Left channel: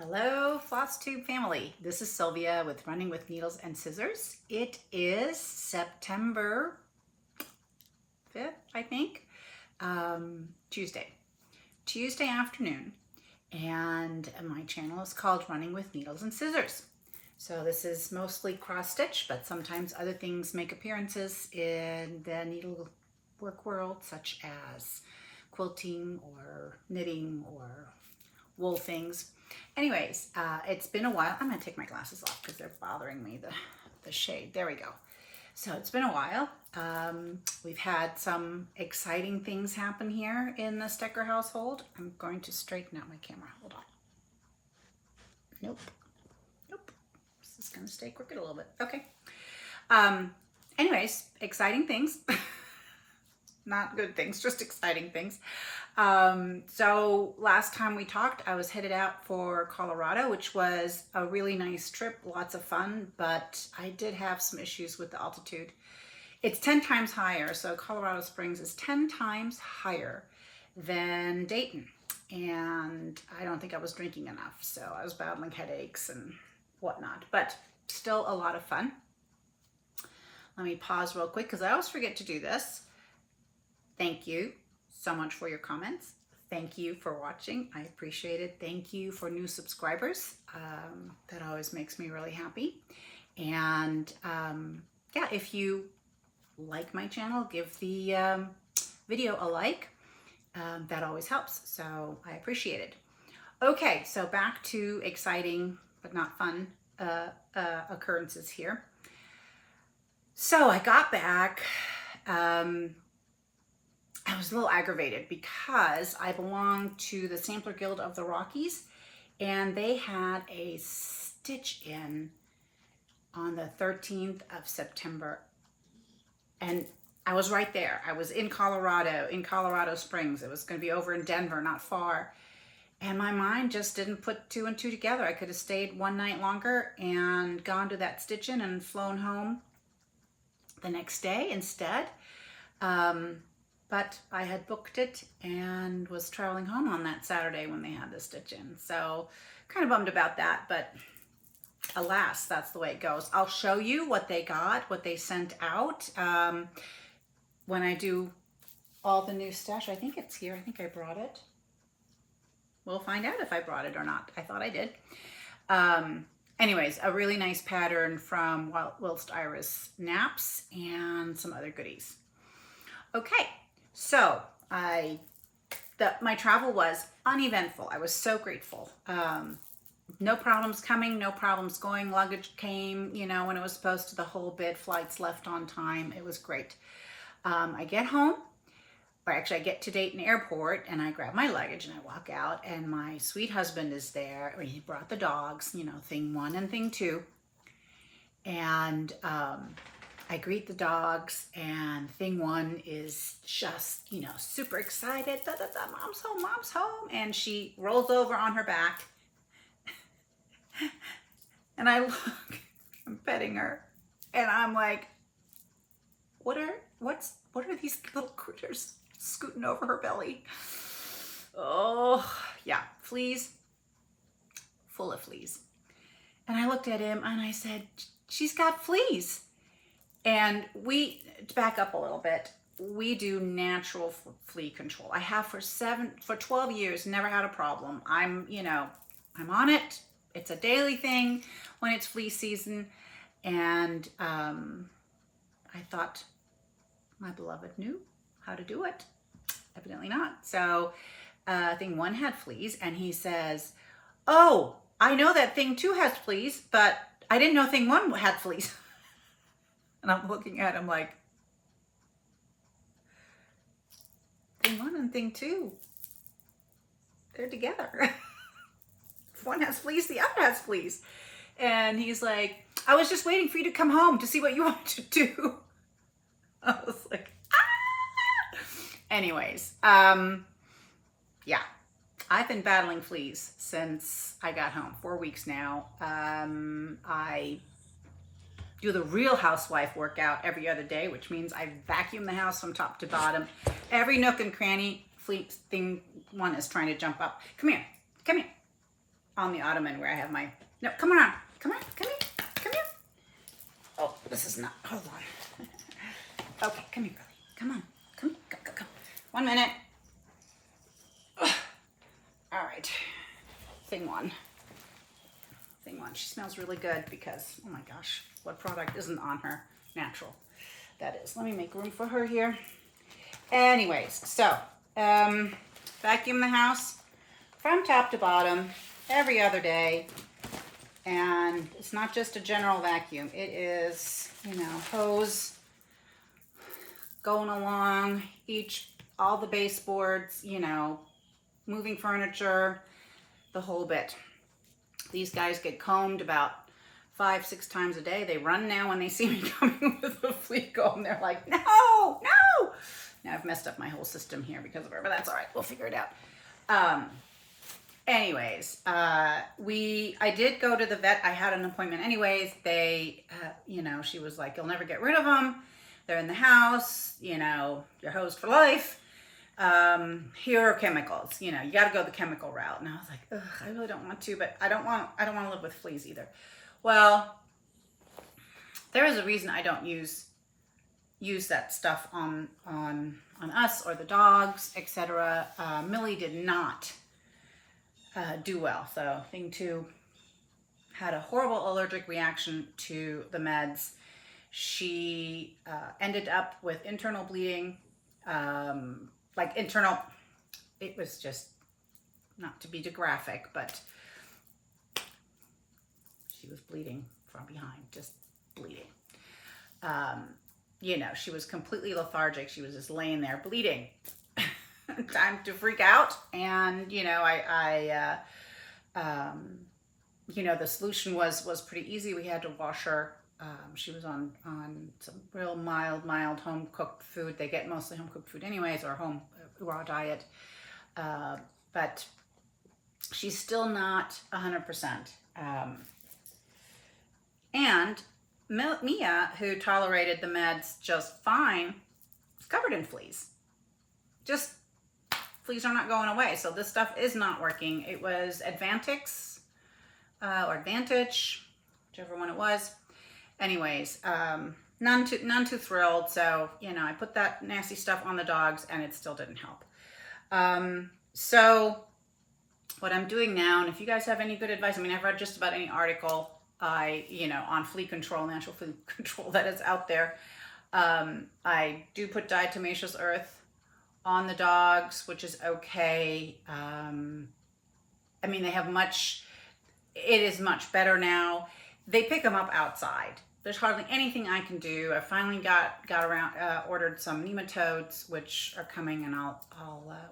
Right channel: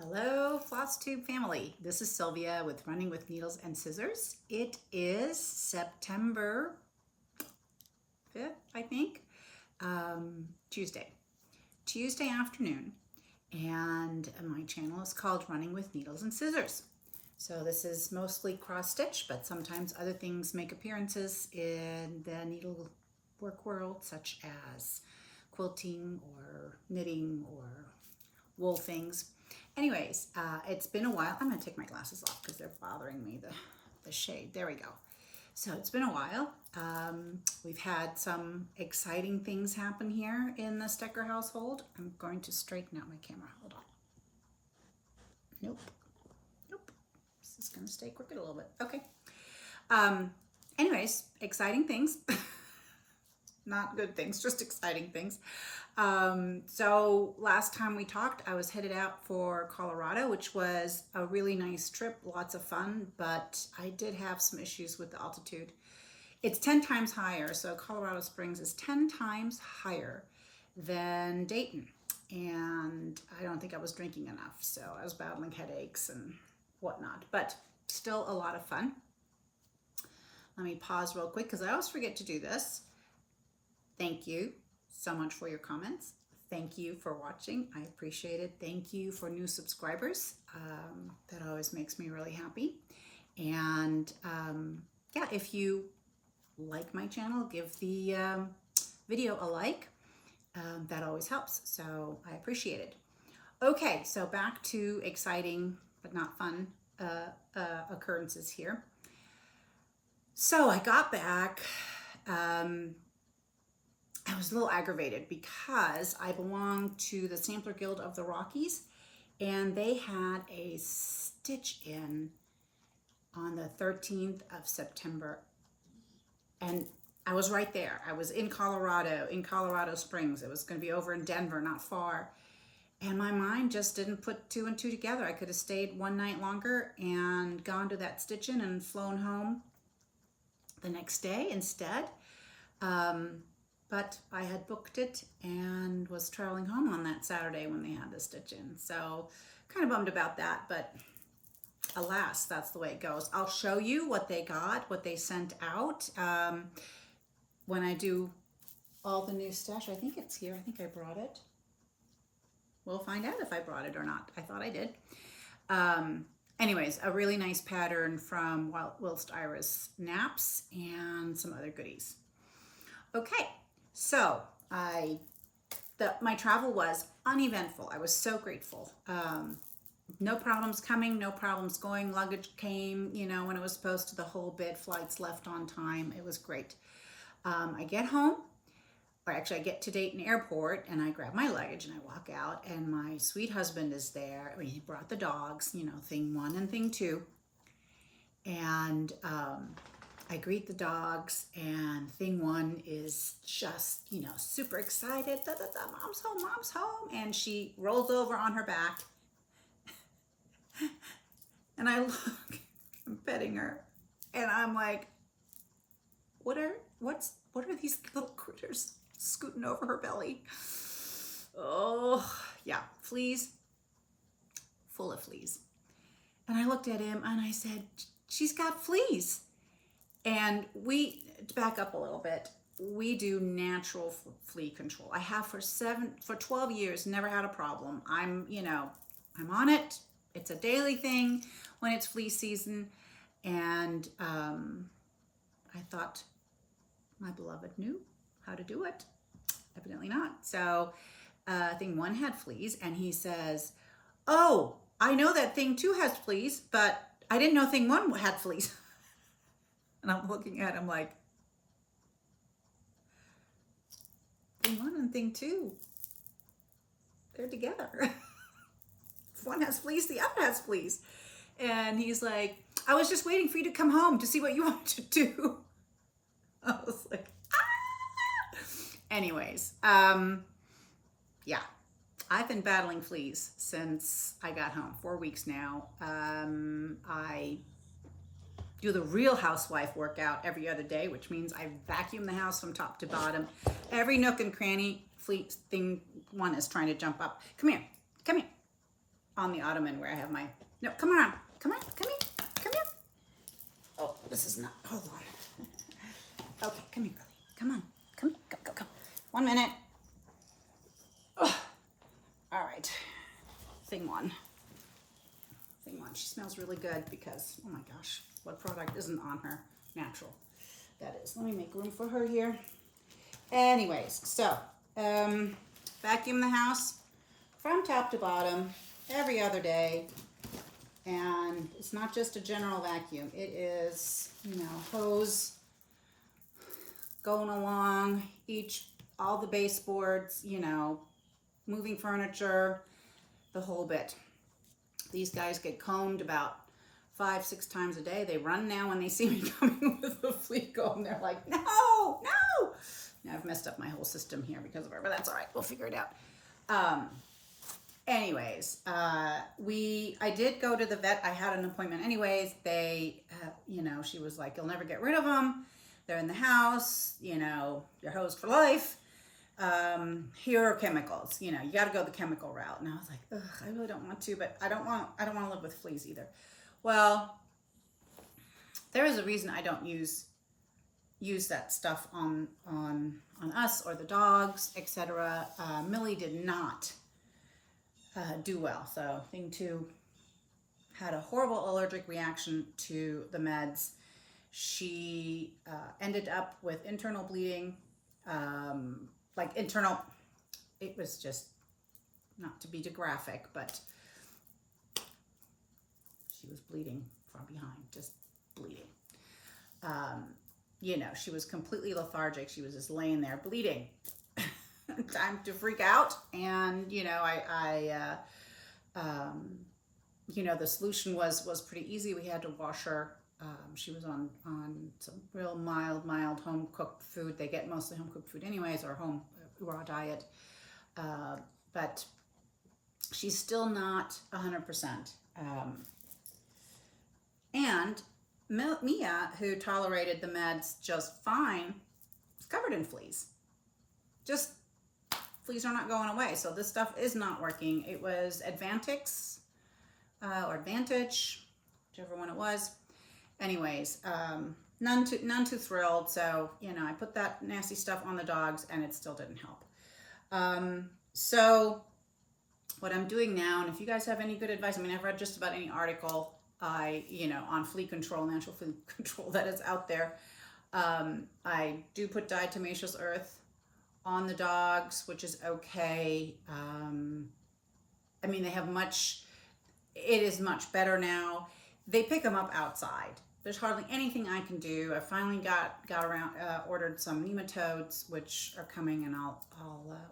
Hello, Floss Tube family. This is Sylvia with Running with Needles and Scissors. It is September 5th, I think, Tuesday afternoon, and my channel is called Running with Needles and Scissors. So this is mostly cross stitch, but sometimes other things make appearances in the needlework world, such as quilting or knitting or wool things. Anyways, it's been a while. I'm going to take my glasses off because they're bothering me, the shade. There we go. So it's been a while. We've had some exciting things happen here in the Stecker household. I'm going to straighten out my camera. Hold on. Nope. This is going to stay crooked a little bit. Okay. Anyways, exciting things. Not good things, just exciting things. So last time we talked, I was headed out for Colorado, which was a really nice trip, lots of fun, but I did have some issues with the altitude. It's 10 times higher, so Colorado Springs is 10 times higher than Dayton, and I don't think I was drinking enough, so I was battling headaches and whatnot, but still a lot of fun. Let me pause real quick because I always forget to do this. Thank you so much for your comments. Thank you for watching. I appreciate it. Thank you for new subscribers. That always makes me really happy. And yeah, if you like my channel, give the video a like. That always helps. So I appreciate it. Okay, so back to exciting but not fun occurrences here. So I got back. I was a little aggravated because I belong to the Sampler Guild of the Rockies, and they had a stitch in on the 13th of September, and I was right there. I was in Colorado Springs. It was going to be over in Denver, not far, and my mind just didn't put two and two together. I could have stayed one night longer and gone to that stitch in and flown home the next day instead. But I had booked it and was traveling home on that Saturday when they had the stitch in. So kind of bummed about that, but alas, that's the way it goes. I'll show you what they got, what they sent out when I do all the new stash. I think it's here. I think I brought it. We'll find out if I brought it or not. I thought I did. Anyways, a really nice pattern from Whilst Iris Naps and some other goodies. Okay. So my travel was uneventful. I was so grateful. No problems coming, no problems going. Luggage came, when it was supposed to, the whole bit. Flights left on time. It was great. I get home, or actually I get to Dayton Airport, and I grab my luggage and I walk out, and my sweet husband is there. He brought the dogs, thing one and thing two. And I greet the dogs, and thing one is just, super excited. Da, da, da, mom's home. And she rolls over on her back. And I look, I'm petting her, and I'm like, what are these little critters scooting over her belly? Oh, yeah, fleas, full of fleas. And I looked at him and I said, she's got fleas. And to back up a little bit, we do natural flea control. I have for 12 years, never had a problem. I'm on it. It's a daily thing when it's flea season. And I thought my beloved knew how to do it. Evidently not. So thing one had fleas, and he says, oh, I know that thing two has fleas, but I didn't know thing one had fleas. And I'm looking at him like, thing one and thing two, they're together. If one has fleas, the other has fleas. And he's like, I was just waiting for you to come home to see what you want to do. I was like, ah! Anyways, yeah, I've been battling fleas since I got home, 4 weeks now. I do the Real Housewife workout every other day, which means I vacuum the house from top to bottom. Every nook and cranny, thing one is trying to jump up. Come here, come here. on the ottoman where I have my, no, come on, come on, come here, come here. Oh, this is not, hold on. Okay, come here, Billy. Come on, come, go, go, go. 1 minute. Ugh. All right, thing one. She smells really good because, oh my gosh, what product isn't on her? Natural. That is. Let me make room for her here. Anyways, so vacuum the house from top to bottom every other day. And it's not just a general vacuum. It is, you know, hose going along all the baseboards, you know, moving furniture, the whole bit. These guys get combed about 5-6 times a day. They run now when they see me coming with a flea comb. They're like, no, no. Now I've messed up my whole system here because of her, but that's all right. We'll figure it out. Anyways, I did go to the vet. I had an appointment anyways. They, you know, she was like, you'll never get rid of them. They're in the house, you know, you're hosed for life. Here are chemicals, you know, you got to go the chemical route. And I was like, ugh, I really don't want to, but I don't want to live with fleas either. Well, there is a reason I don't use that stuff on us or the dogs, etc. Millie did not do well. So thing 2, had a horrible allergic reaction to the meds. She ended up with internal bleeding, like internal, it was just, not to be too graphic, but she was bleeding from behind, just bleeding. You know, she was completely lethargic. She was just laying there bleeding. Time to freak out. And, you know, you know, the solution was pretty easy. We had to wash her. She was on some real mild home cooked food. They get mostly home cooked food anyways, or home raw diet. But she's still not 100%. And Mia, who tolerated the meds just fine, is covered in fleas. Just fleas are not going away. So this stuff is not working. It was Advantix or Advantage, whichever one it was. Anyways, none too thrilled. So, you know, I put that nasty stuff on the dogs and it still didn't help. So what I'm doing now, and if you guys have any good advice, I mean, I've read just about any article you know, on flea control, natural flea control that is out there. I do put diatomaceous earth on the dogs, which is okay. I mean, it is much better now. They pick them up outside. There's hardly anything I can do. I finally ordered some nematodes, which are coming, and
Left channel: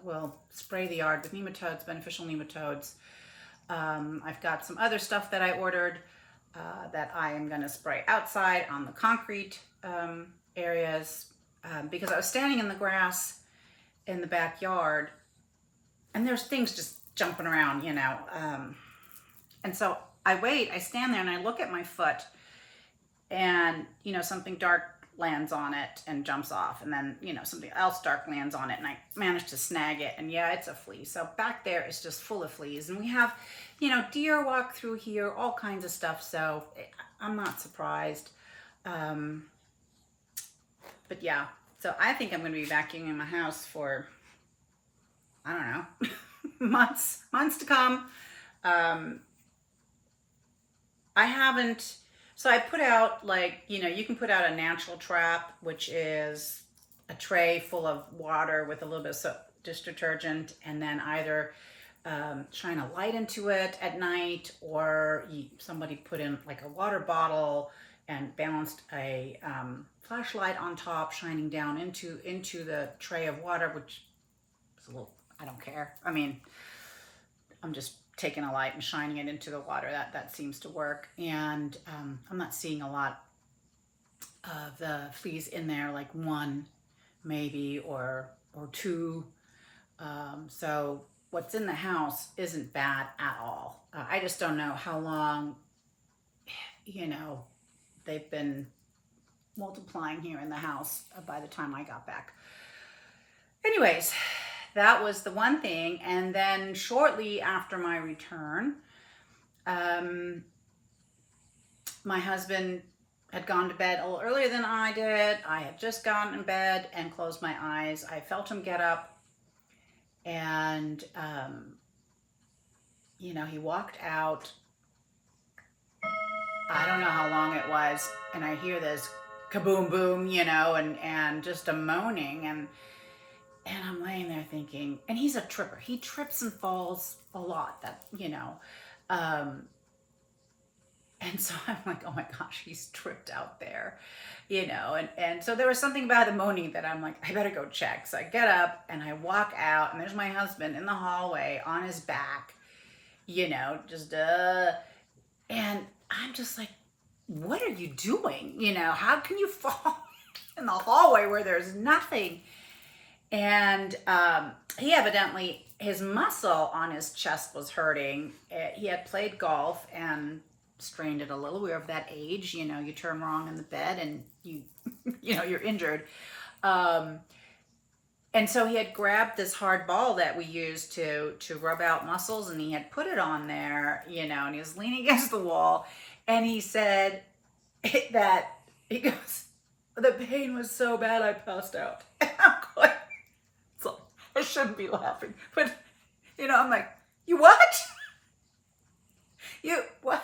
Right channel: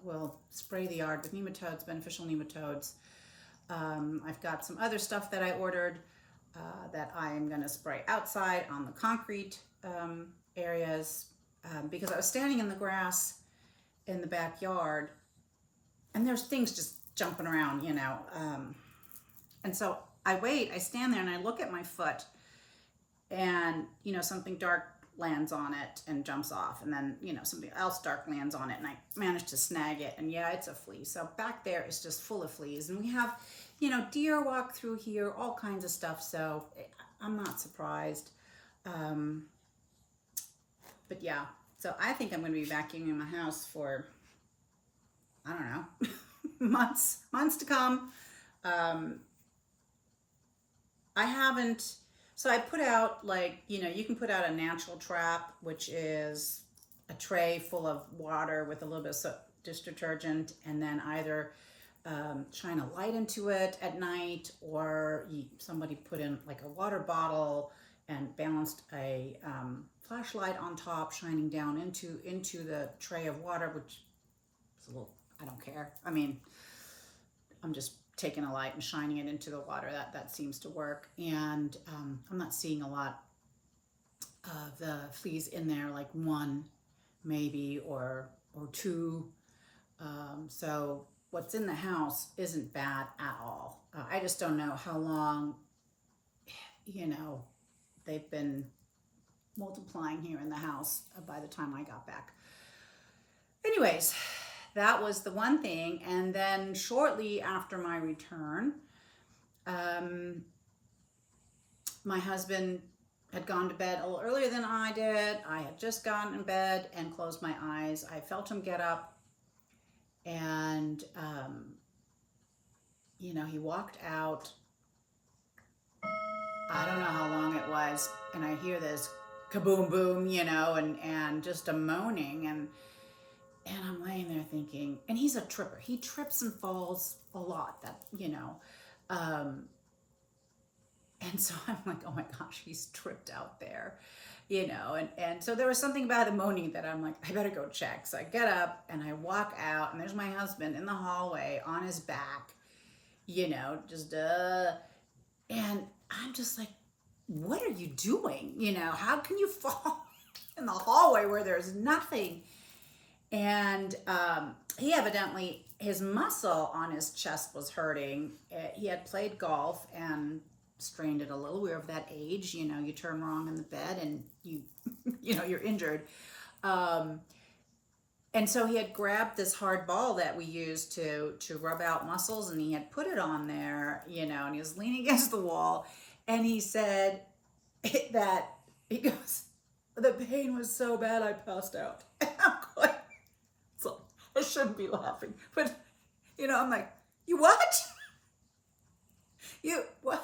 we'll spray the yard with nematodes, beneficial nematodes. I've got some other stuff that I ordered that I am going to spray outside on the concrete areas because I was standing in the grass in the backyard, and there's things just jumping around, you know. And so I stand there and I look at my foot, and, you know, something dark lands on it and jumps off, and then, you know, something else dark lands on it, and I managed to snag it, and yeah, it's a flea. So back there is just full of fleas, and we have, you know, deer walk through here, all kinds of stuff, so I'm not surprised. But yeah, so I think I'm going to be vacuuming my house for, I don't know, months to come. I haven't, so I put out, like, you know, you can put out a natural trap, which is a tray full of water with a little bit of soap, dish detergent, and then either shine a light into it at night, or somebody put in like a water bottle and balanced a flashlight on top, shining down into the tray of water, which is a little, I don't care. I mean, I'm just taking a light and shining it into the water. That seems to work. And I'm not seeing a lot of the fleas in there, like one maybe or two. So what's in the house isn't bad at all. I just don't know how long, you know, they've been multiplying here in the house by the time I got back. Anyways, that was the one thing. And then shortly after my return, um, my husband had gone to bed a little earlier than I did. I had just gotten in bed and closed my eyes. I felt him get up, and he walked out. I don't know how long it was, and I hear this kaboom boom, and just a moaning, and I'm laying there thinking, and he's a tripper. He trips and falls a lot. Um, and so I'm like, oh my gosh, he's tripped out there, and so there was something about the moaning that I'm like, I better go check. So I get up and I walk out, and there's my husband in the hallway on his back, just and I'm just like, what are you doing? How can you fall in the hallway where there's nothing? And he evidently, his muscle on his chest was hurting. He had played golf and strained it a little. We were of that age, you turn wrong in the bed and you're injured. And so he had grabbed this hard ball that we use to rub out muscles, and he had put it on there, and he was leaning against the wall, and he said that, he goes, the pain was so bad I passed out. And I'm going, so I shouldn't be laughing, but I'm like, you what? You what?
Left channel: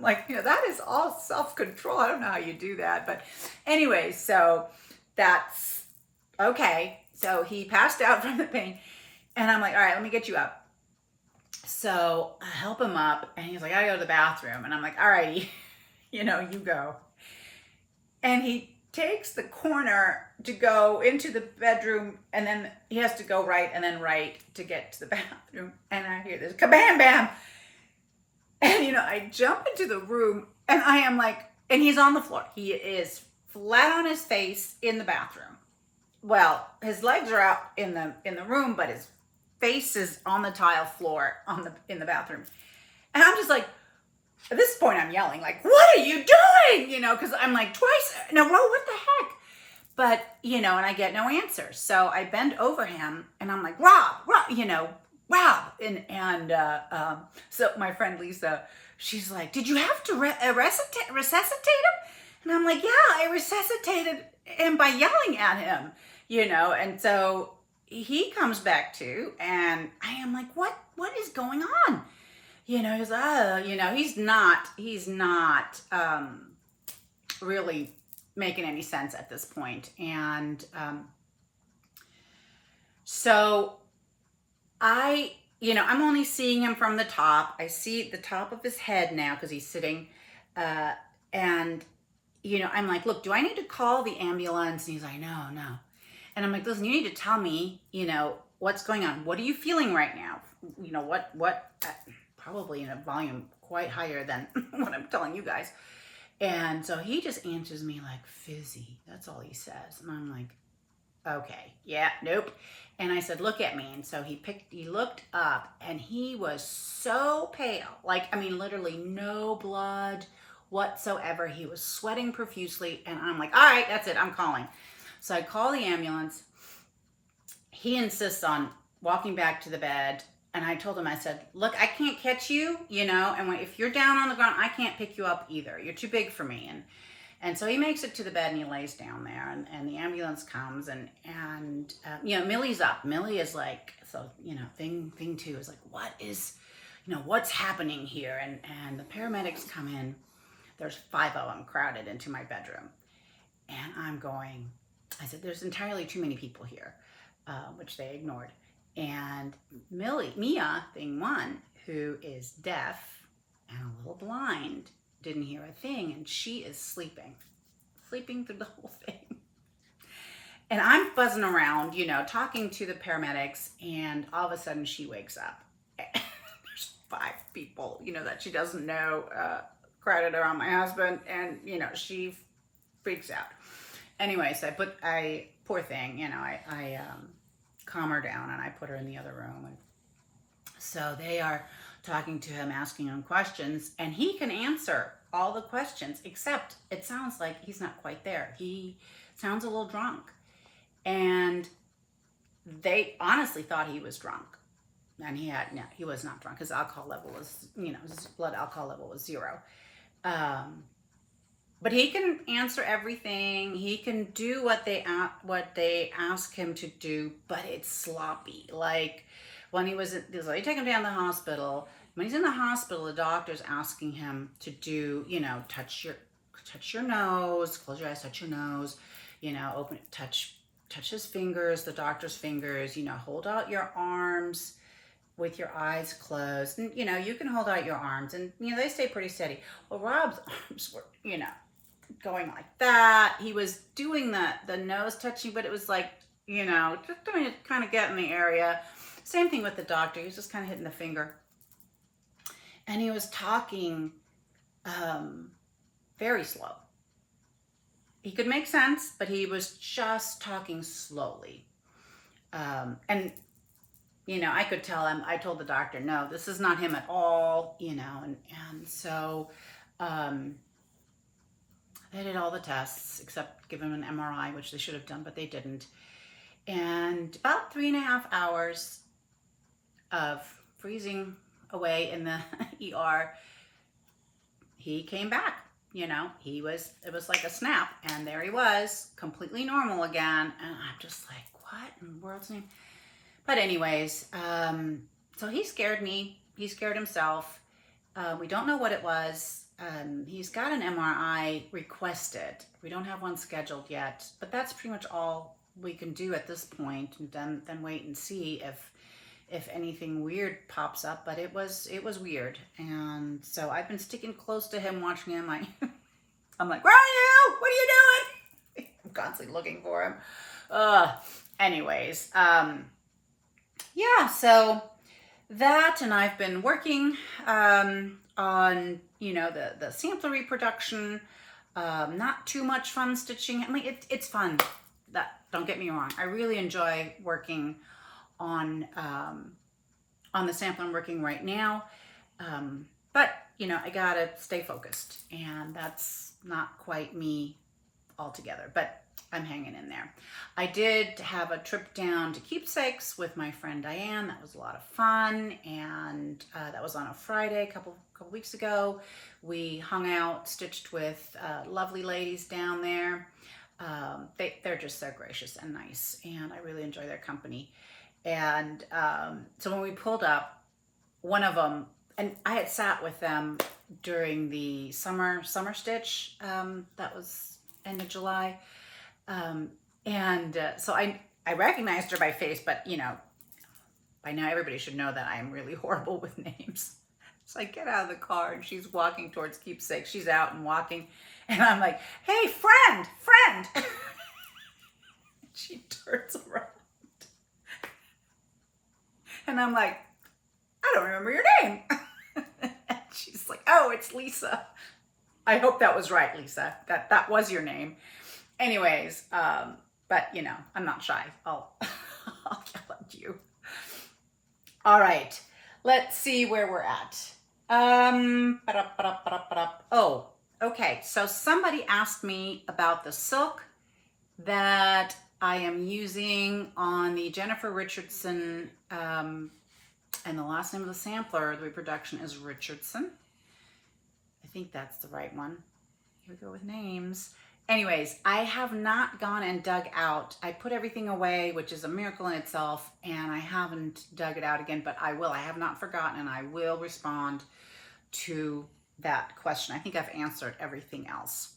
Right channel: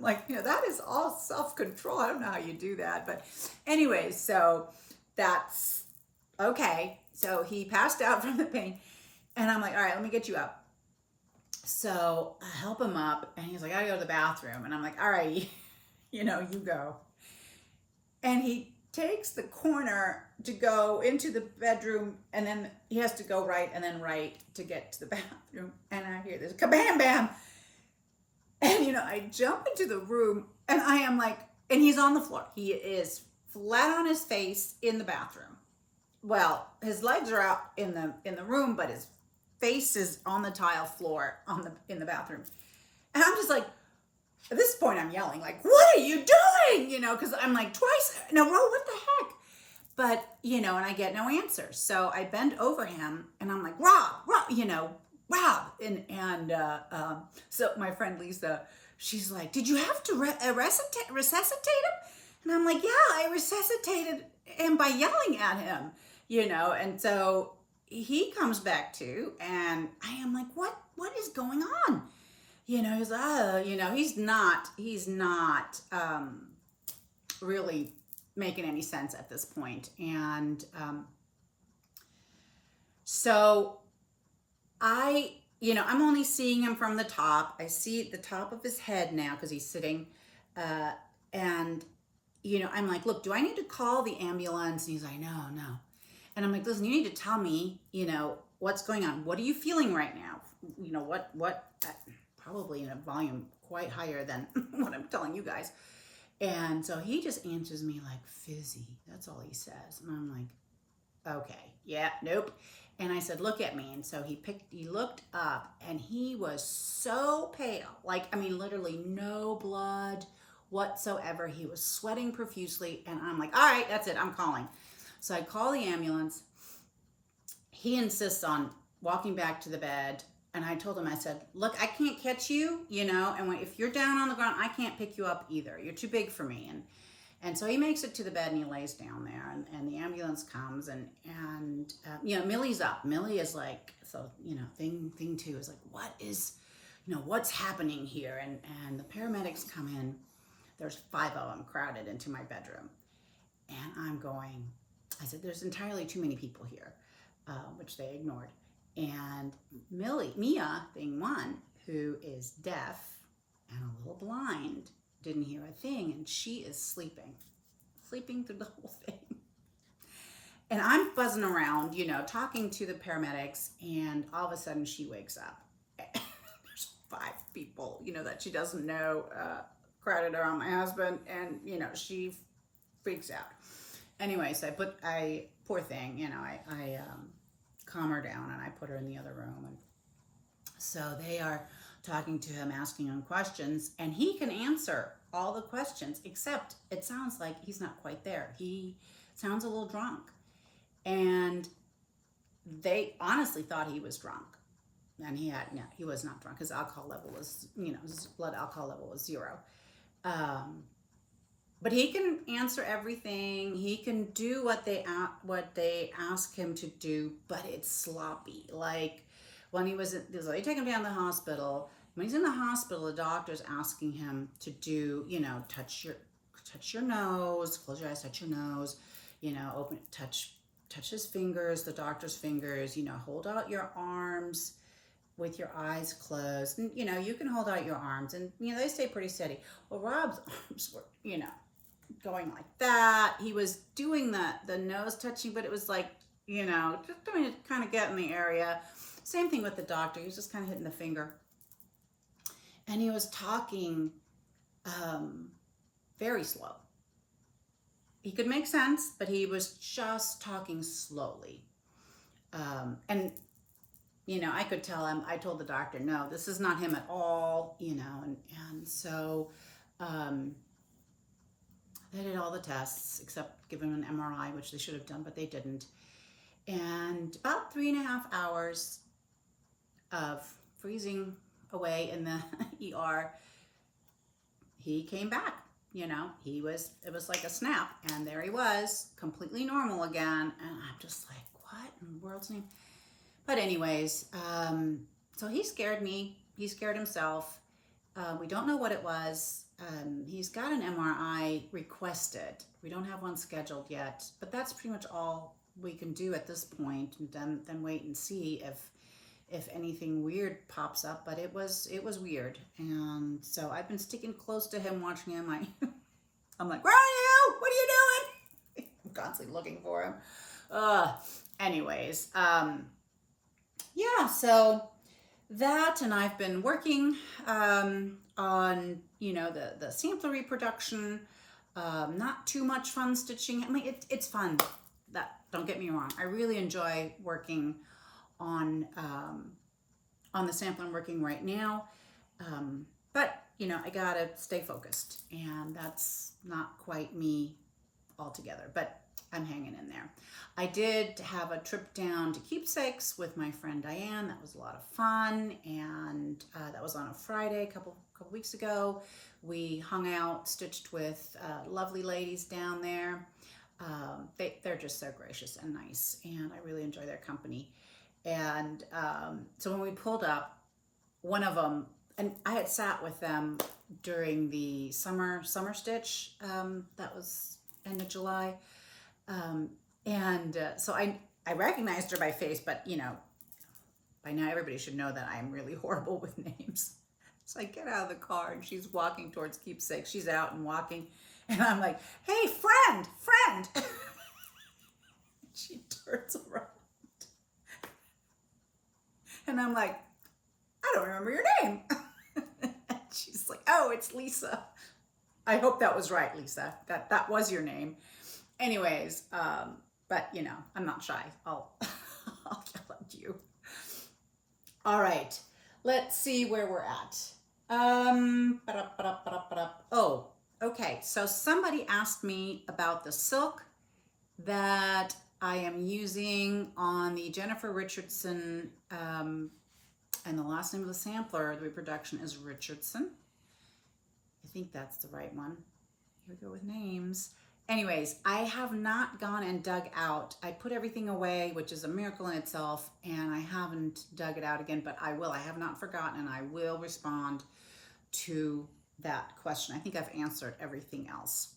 Like, that is all self-control. I don't know how you do that, but anyway, so that's okay. So he passed out from the pain, and I'm like, all right, let me get you up. So I help him up, and he's like, I gotta go to the bathroom, and I'm like, all righty, you go. And he takes the corner to go into the bedroom, and then he has to go right and then right to get to the bathroom. And I hear this kabam bam. And I jump into the room, and I am like, and he's on the floor. He is flat on his face in the bathroom. Well, his legs are out in the room, but his face is on the tile floor in the bathroom. And I'm just like, at this point I'm yelling, like, what are you doing? Because I'm like, twice in a row, what the heck? But, and I get no answer. So I bend over him, and I'm like, Rob, Rob. And so my friend Lisa, she's like, did you have to resuscitate him? And I'm like, yeah, I resuscitated him by yelling at him, and so he comes back to, and I am like, what is going on? He's he's not really making any sense at this point. And so I'm only seeing him from the top. I see the top of his head now because he's sitting, and I'm like, look, do I need to call the ambulance? And he's like, no. And I'm like, listen, you need to tell me, what's going on. What are you feeling right now? What probably in a volume quite higher than what I'm telling you guys. And so he just answers me like, fizzy. That's all he says. And I'm like, okay, yeah, nope. And I said, look at me. And so he looked up, and he was so pale. Like, literally no blood whatsoever. He was sweating profusely. And I'm like, all right, that's it. I'm calling. So I call the ambulance. He insists on walking back to the bed. And I told him, I said, look, I can't catch you, and if you're down on the ground, I can't pick you up either. You're too big for me. And so he makes it to the bed, and he lays down there, and the ambulance comes, and Millie's up. Millie is like, so, thing two is like, what is, what's happening here? And the paramedics come in. There's 5 of them crowded into my bedroom. And I said, there's entirely too many people here, which they ignored. And Mia, thing one, who is deaf and a little blind, didn't hear a thing, and she is sleeping through the whole thing. And I'm buzzing around, talking to the paramedics, and all of a sudden she wakes up. There's 5 people, that she doesn't know, crowded around my husband, and, she freaks out. Anyway, so poor thing, I calm her down, and I put her in the other room. And so they are talking to him, asking him questions, and he can answer all the questions, except it sounds like he's not quite there. He sounds a little drunk. And they honestly thought he was drunk. And he was not drunk. His alcohol level was, his blood alcohol level was 0. Um, but he can answer everything. He can do what they ask him to do, but it's sloppy. Like when they take him down to the hospital. When he's in the hospital, the doctor's asking him to do, touch your nose, close your eyes, touch your nose, touch his fingers, the doctor's fingers, hold out your arms with your eyes closed. And, you can hold out your arms and, they stay pretty steady. Well, Rob's arms were, going like that. He was doing the nose touching, but it was like, just doing it, kind of get in the area. Same thing with the doctor. He was just kind of hitting the finger. And he was talking very slow. He could make sense, but he was just talking slowly. And, I could tell him, I told the doctor, no, this is not him at all, and so they did all the tests except give him an MRI, which they should have done, but they didn't. And about 3.5 hours of freezing away in the ER, he came back. It was like a snap, and there he was, completely normal again. And I'm just like, what in the world's name? But anyways, so he scared me. He scared himself. We don't know what it was. He's got an MRI requested. We don't have one scheduled yet, but that's pretty much all we can do at this point, and then wait and see if anything weird pops up. But it was weird, and so I've been sticking close to him, watching him. I'm like, where are you? What are you doing? I'm constantly looking for him. Anyways, yeah. So that, and I've been working on the sampler reproduction. Not too much fun stitching. I mean, it's fun. Don't get me wrong. I really enjoy working on the sample I'm working right now. But I gotta stay focused, and that's not quite me altogether, but I'm hanging in there. I did have a trip down to Keepsakes with my friend Diane. That was a lot of fun, and that was on a Friday, a couple weeks ago. We hung out, stitched with lovely ladies down there. They're just so gracious and nice, and I really enjoy their company. And so when we pulled up, one of them, and I had sat with them during the summer stitch, that was end of July. So I recognized her by face, but by now everybody should know that I'm really horrible with names. So I get out of the car and she's walking towards Keepsake. She's out and walking, and I'm like, hey, friend. She turns around and I'm like, I don't remember your name. And she's like, oh, it's Lisa. I hope that was right, Lisa. That was your name. Anyways, but I'm not shy. I'll yell at you. All right, let's see where we're at. Oh, okay. So somebody asked me about the silk that I am using on the Jennifer Richardson, and the last name of the sampler, the reproduction, is Richardson. I think that's the right one. Here we go with names. Anyways, I have not gone and dug out. I put everything away, which is a miracle in itself, and I haven't dug it out again, but I will. I have not forgotten, and I will respond to that question. I think I've answered everything else.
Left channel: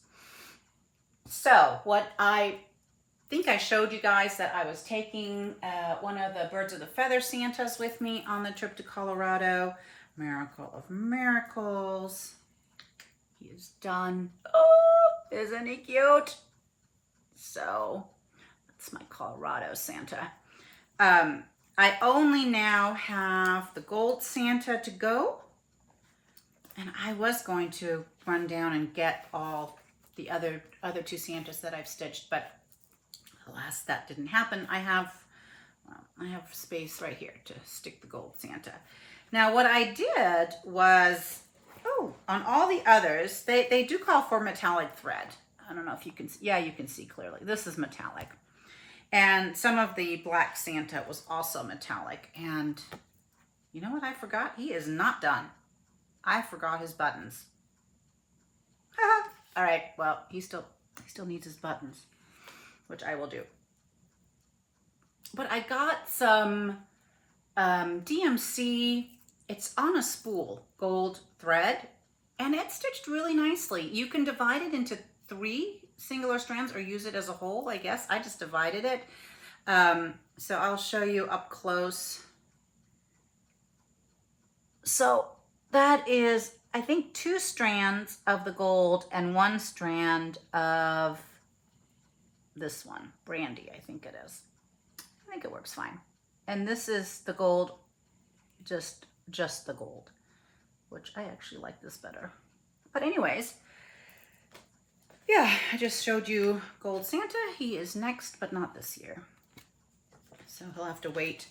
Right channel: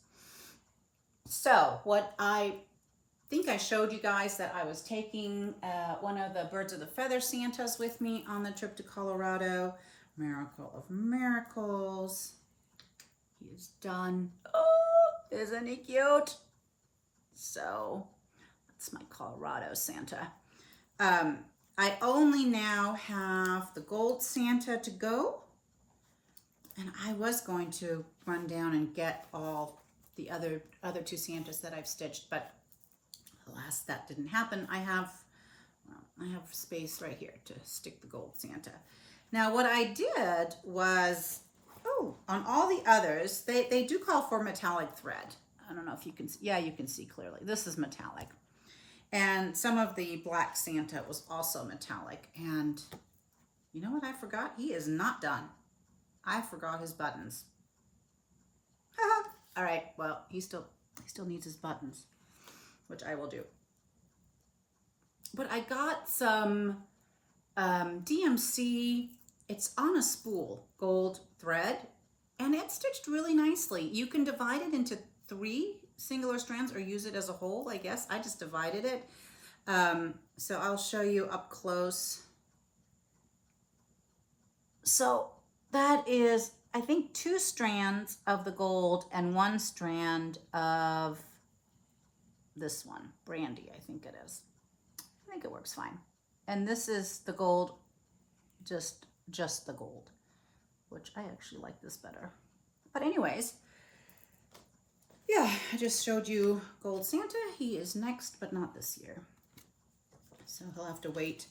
So what I think I showed you guys that I was taking one of the Birds of the Feather Santas with me on the trip to Colorado. Miracle of Miracles. He is done. Oh, isn't he cute? So that's my Colorado Santa. I only now have the gold Santa to go. And I was going to run down and get all the other two Santas that I've stitched, but alas, that didn't happen. I have space right here to stick the gold Santa. Now, what I did was, on all the others, they do call for metallic thread. I don't know if you can see. Yeah, you can see clearly. This is metallic. And some of the black Santa was also metallic. And You know what I forgot? He is not done. I forgot his buttons. All right, well, he still needs his buttons, which I will do. But I got some DMC, it's on a spool, gold thread, and it's stitched really nicely. You can divide it into 3 singular strands or use it as a whole, I guess. I just divided it. So I'll show you up close. So that is, I think, 2 strands of the gold and 1 strand of this one, Brandy, I think it is. I think it works fine. And this is the gold, just the gold, which I actually like this better. But anyways, yeah, I just showed you Gold Santa. He is next, but not this year. So he'll have to wait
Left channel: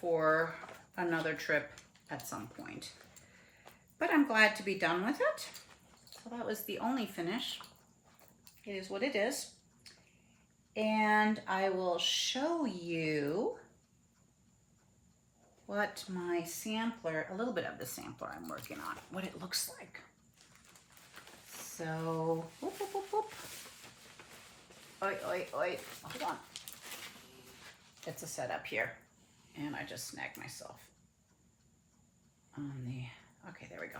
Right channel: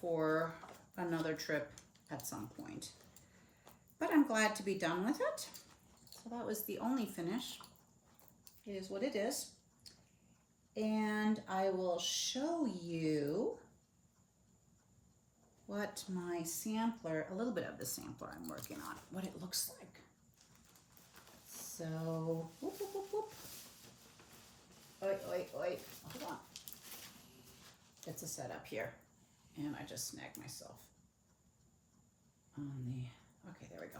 for another trip at some point. But I'm glad to be done with it. So that was the only finish. It is what it is. And I will show you what my sampler, a little bit of the sampler I'm working on, what it looks like. So, whoop, whoop, whoop, whoop. Oi, oi, oi, hold on. It's a setup here. And I just snagged myself on the, okay, there we go.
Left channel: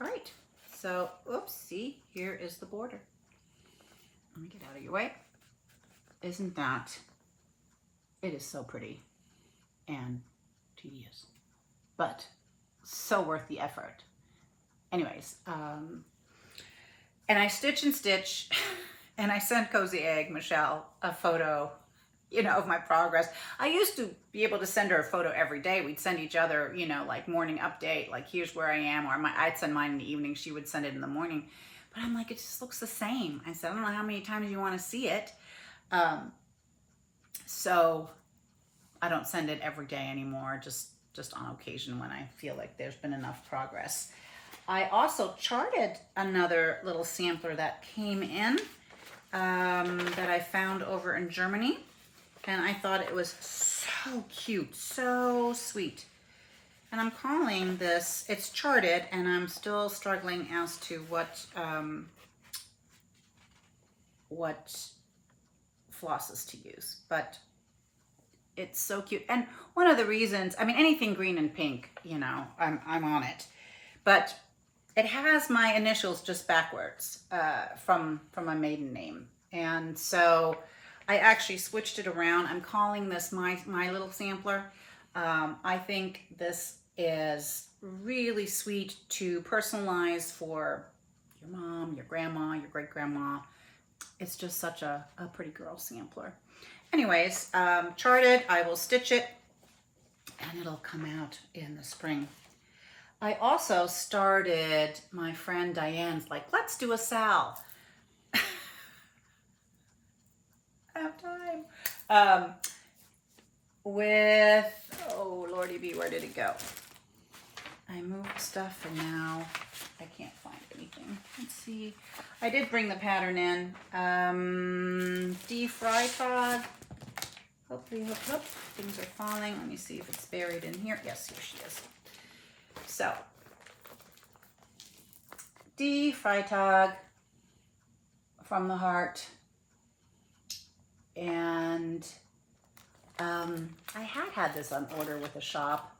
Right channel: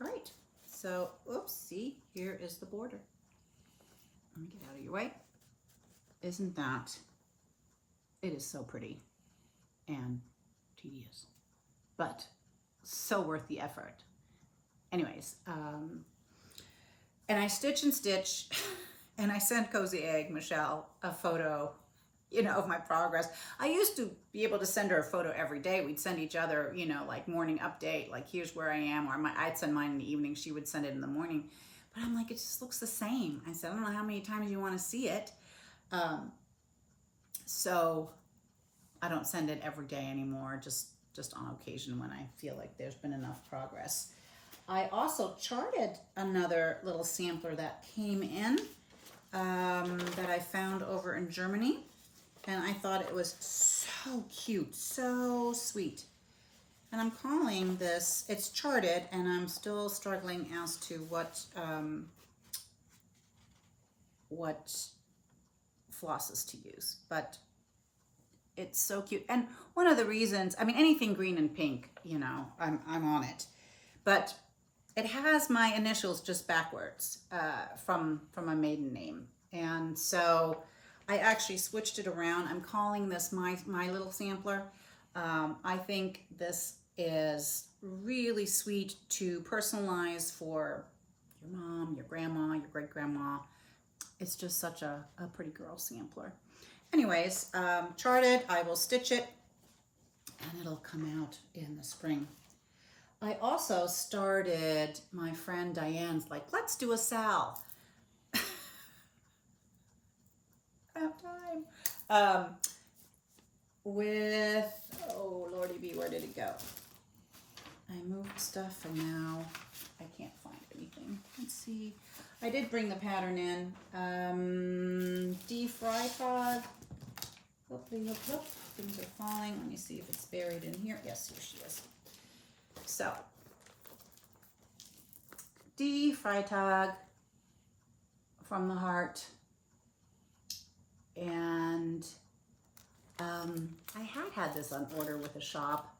All right, so, oops, see, here is the border. Let me get out of your way. Isn't that, it is so pretty and tedious, but so worth the effort. Anyways, and I stitch and stitch, and I sent Cozy Egg Michelle a photo, you know, of my progress. I used to be able to send her a photo every day. We'd send each other, you know, like morning update, like here's where I am, or I'd send mine in the evening. She would send it in the morning. But I'm like, it just looks the same. I said, I don't know how many times you want to see it. So I don't send it every day anymore, just on occasion when I feel like there's been enough progress. I also charted another little sampler that came in that I found over in Germany. And I thought it was so cute, so sweet. And I'm calling this, it's charted, and I'm still struggling as to what flosses to use, but it's so cute. And one of the reasons, I mean, anything green and pink, you know, I'm on it, but it has my initials just backwards from a maiden name. And so I actually switched it around. I'm calling this my little sampler. I think this is really sweet to personalize for your mom, your grandma, your great-grandma. It's just such a pretty girl sampler. Anyways, charted, I will stitch it, and it'll come out in the spring. I also started, my friend Diane's like, let's do a Sal. I have time. With, oh Lordy B, where did it go? I moved stuff and now I can't find anything. Let's see. I did bring the pattern in. D-Fry-Tod. Hopefully, hope. Things are falling. Let me see if it's buried in here. Yes, here she is. So, D-Fry-Tod from the heart. And I had this on order with a shop.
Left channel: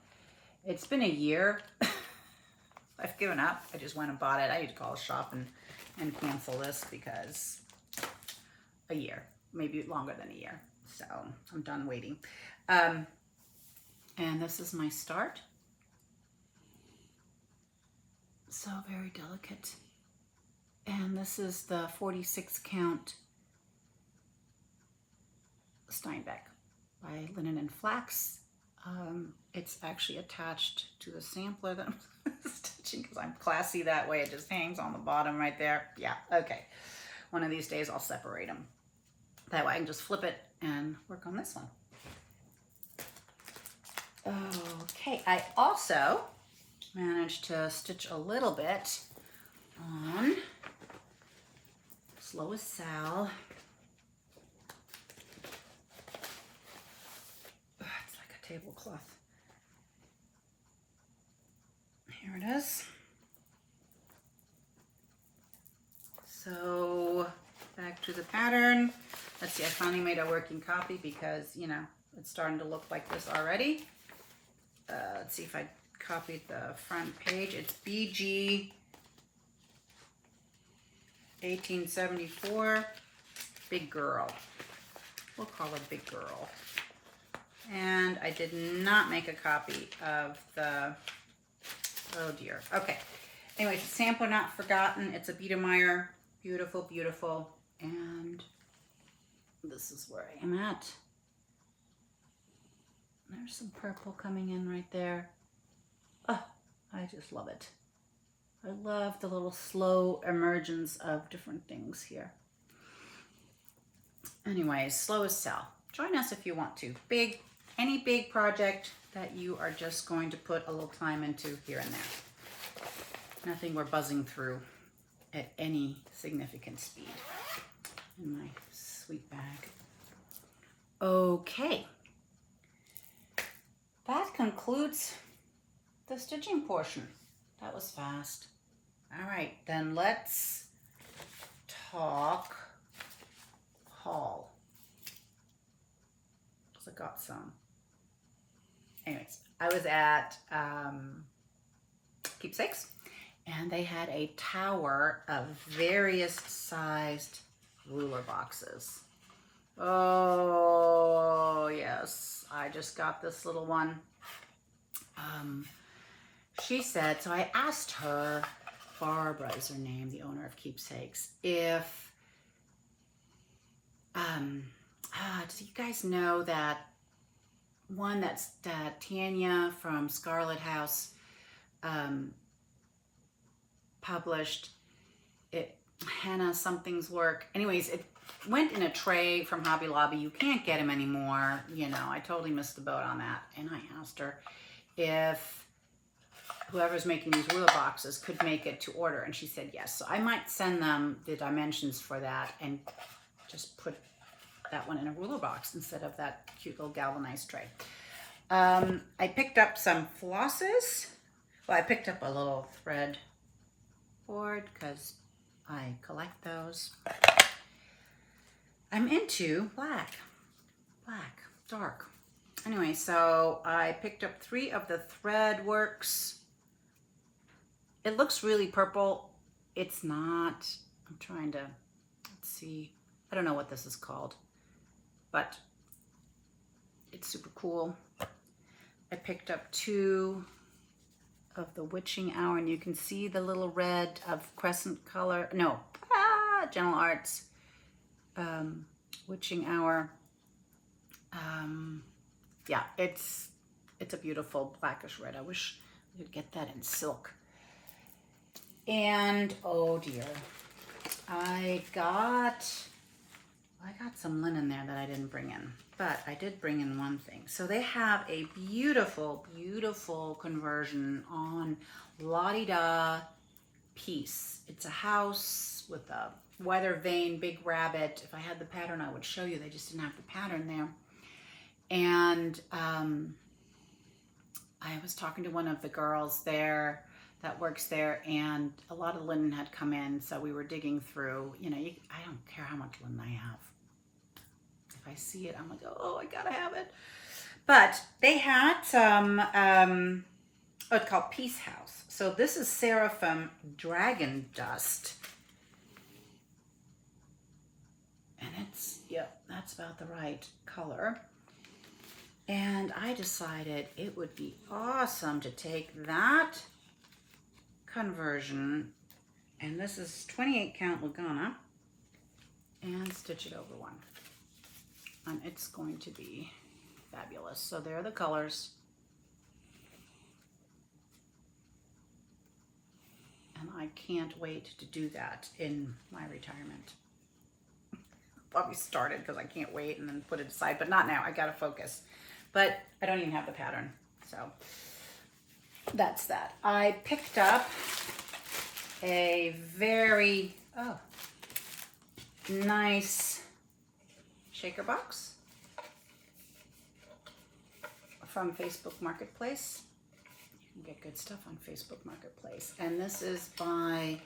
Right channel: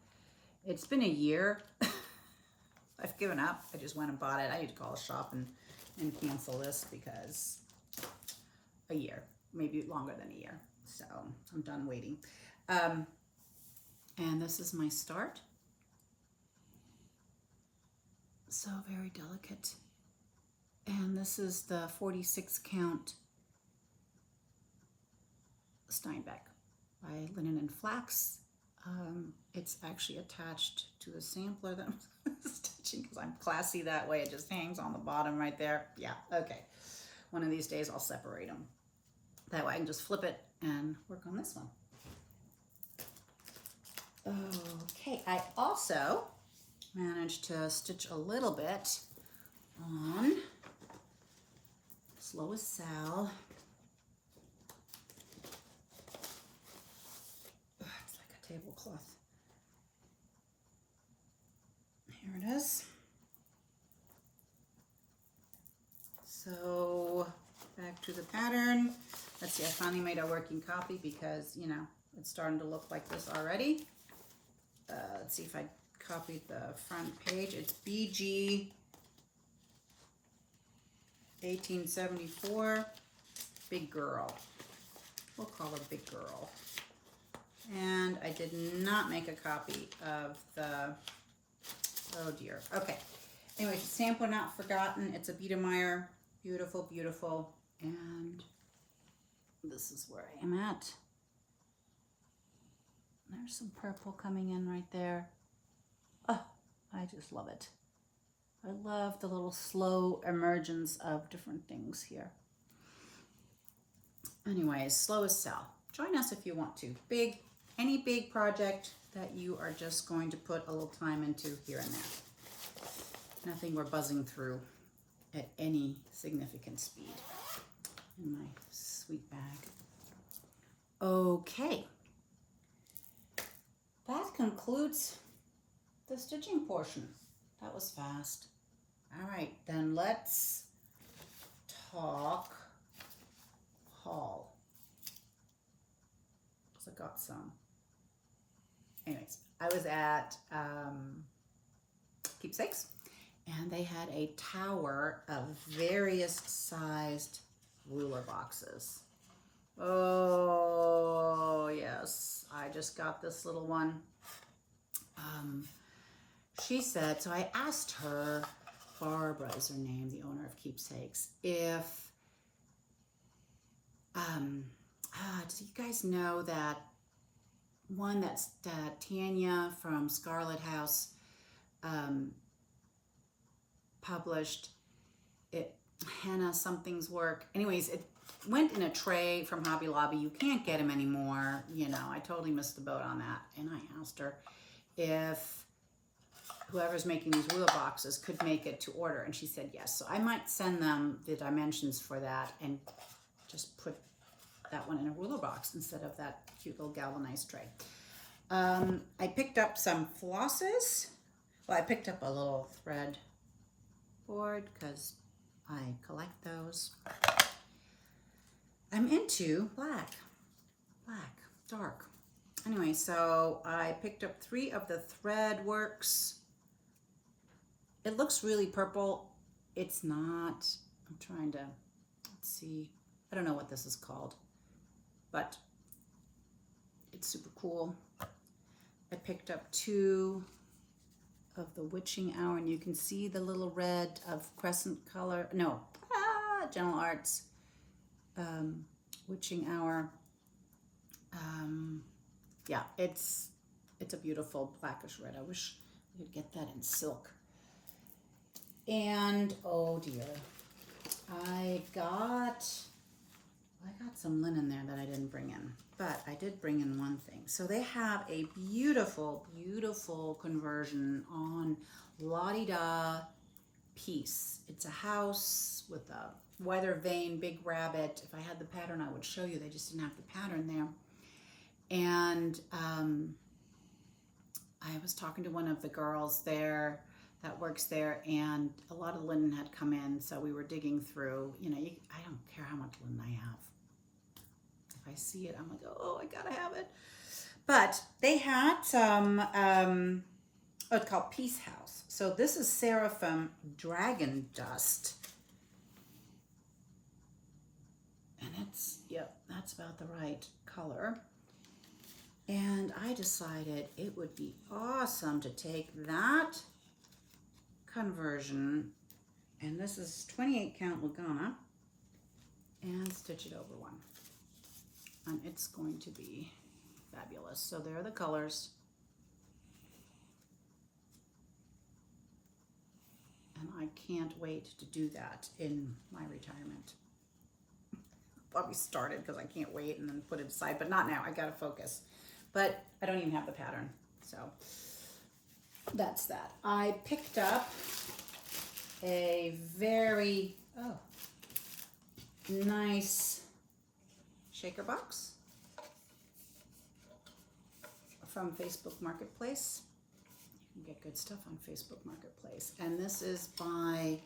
It's been a year. I've given up. I just went and bought it. I need to call a shop and cancel this because a year, maybe longer than a year. So I'm done waiting. And this is my start. So very delicate. And this is the 46 count Steinbeck by Linen and Flax. It's actually attached to the sampler that I'm stitching because I'm classy that way. It just hangs on the bottom right there. Yeah, okay. One of these days I'll separate them. That way I can just flip it and work on this one. Okay, I also managed to stitch a little bit on Slow as Sal. It's like a tablecloth. Here it is. So back to the pattern. Let's see, I finally made a working copy because, you know, it's starting to look like this already. Let's see if I copied the front page. It's BG 1874, Big Girl. We'll call her Big Girl. And I did not make a copy of the, oh dear. Okay. Anyways, sampler not forgotten. It's a Biedermeier. Beautiful, beautiful. And this is where I am at. There's some purple coming in right there. Oh, I just love it. I love the little slow emergence of different things here. Anyways, slow as sell. Join us if you want to. Any big project that you are just going to put a little time into here and there. Nothing we're buzzing through at any significant speed. In my sweet bag. Okay. That concludes the stitching portion. That was fast. All right, then let's talk haul. Because I got some. Anyways, I was at Keepsakes, and they had a tower of various sized ruler boxes. Oh, yes. I just got this little one. She said, so I asked her, Barbara is her name, the owner of Keepsakes, if, do you guys know that one that Tanya from Scarlet House published, it, Hannah something's work. Anyways, it went in a tray from Hobby Lobby. You can't get them anymore. You know, I totally missed the boat on that. And I asked her if whoever's making these ruler boxes could make it to order. And she said yes. So I might send them the dimensions for that and just put that one in a ruler box instead of that cute little galvanized tray. I picked up some flosses. Well, I picked up a little thread board because I collect those. I'm into black, dark. Anyway, so I picked up 3 of the thread works. It looks really purple. It's not. I'm trying to, let's see. I don't know what this is called, but it's super cool. I picked up 2 of the Witching Hour, and you can see the little red of crescent color. No, Gentle Arts. Witching Hour. Yeah, it's a beautiful blackish red. I wish we could get that in silk. And oh dear, I got some linen there that I didn't bring in, but I did bring in one thing. So they have a beautiful, beautiful conversion on La Di Da piece. It's a house with a weather vane, big rabbit. If I had the pattern, I would show you. They just didn't have the pattern there. And I was talking to one of the girls there that works there, and a lot of linen had come in, so we were digging through. You know, I don't care how much linen I have. If I see it, I'm like, oh, I gotta have it. But they had some, it's called Peace House. So this is Seraphim Dragon Dust. And it's, yep, that's about the right color. And I decided it would be awesome to take that conversion, and this is 28 count Lugana, and stitch it over one. And it's going to be fabulous. So there are the colors. And I can't wait to do that in my retirement. Probably started because I can't wait and then put it aside, but not now. I gotta focus. But I don't even have the pattern, so that's that. I picked up a very nice shaker box from Facebook Marketplace. You can get good stuff on Facebook Marketplace. And this is by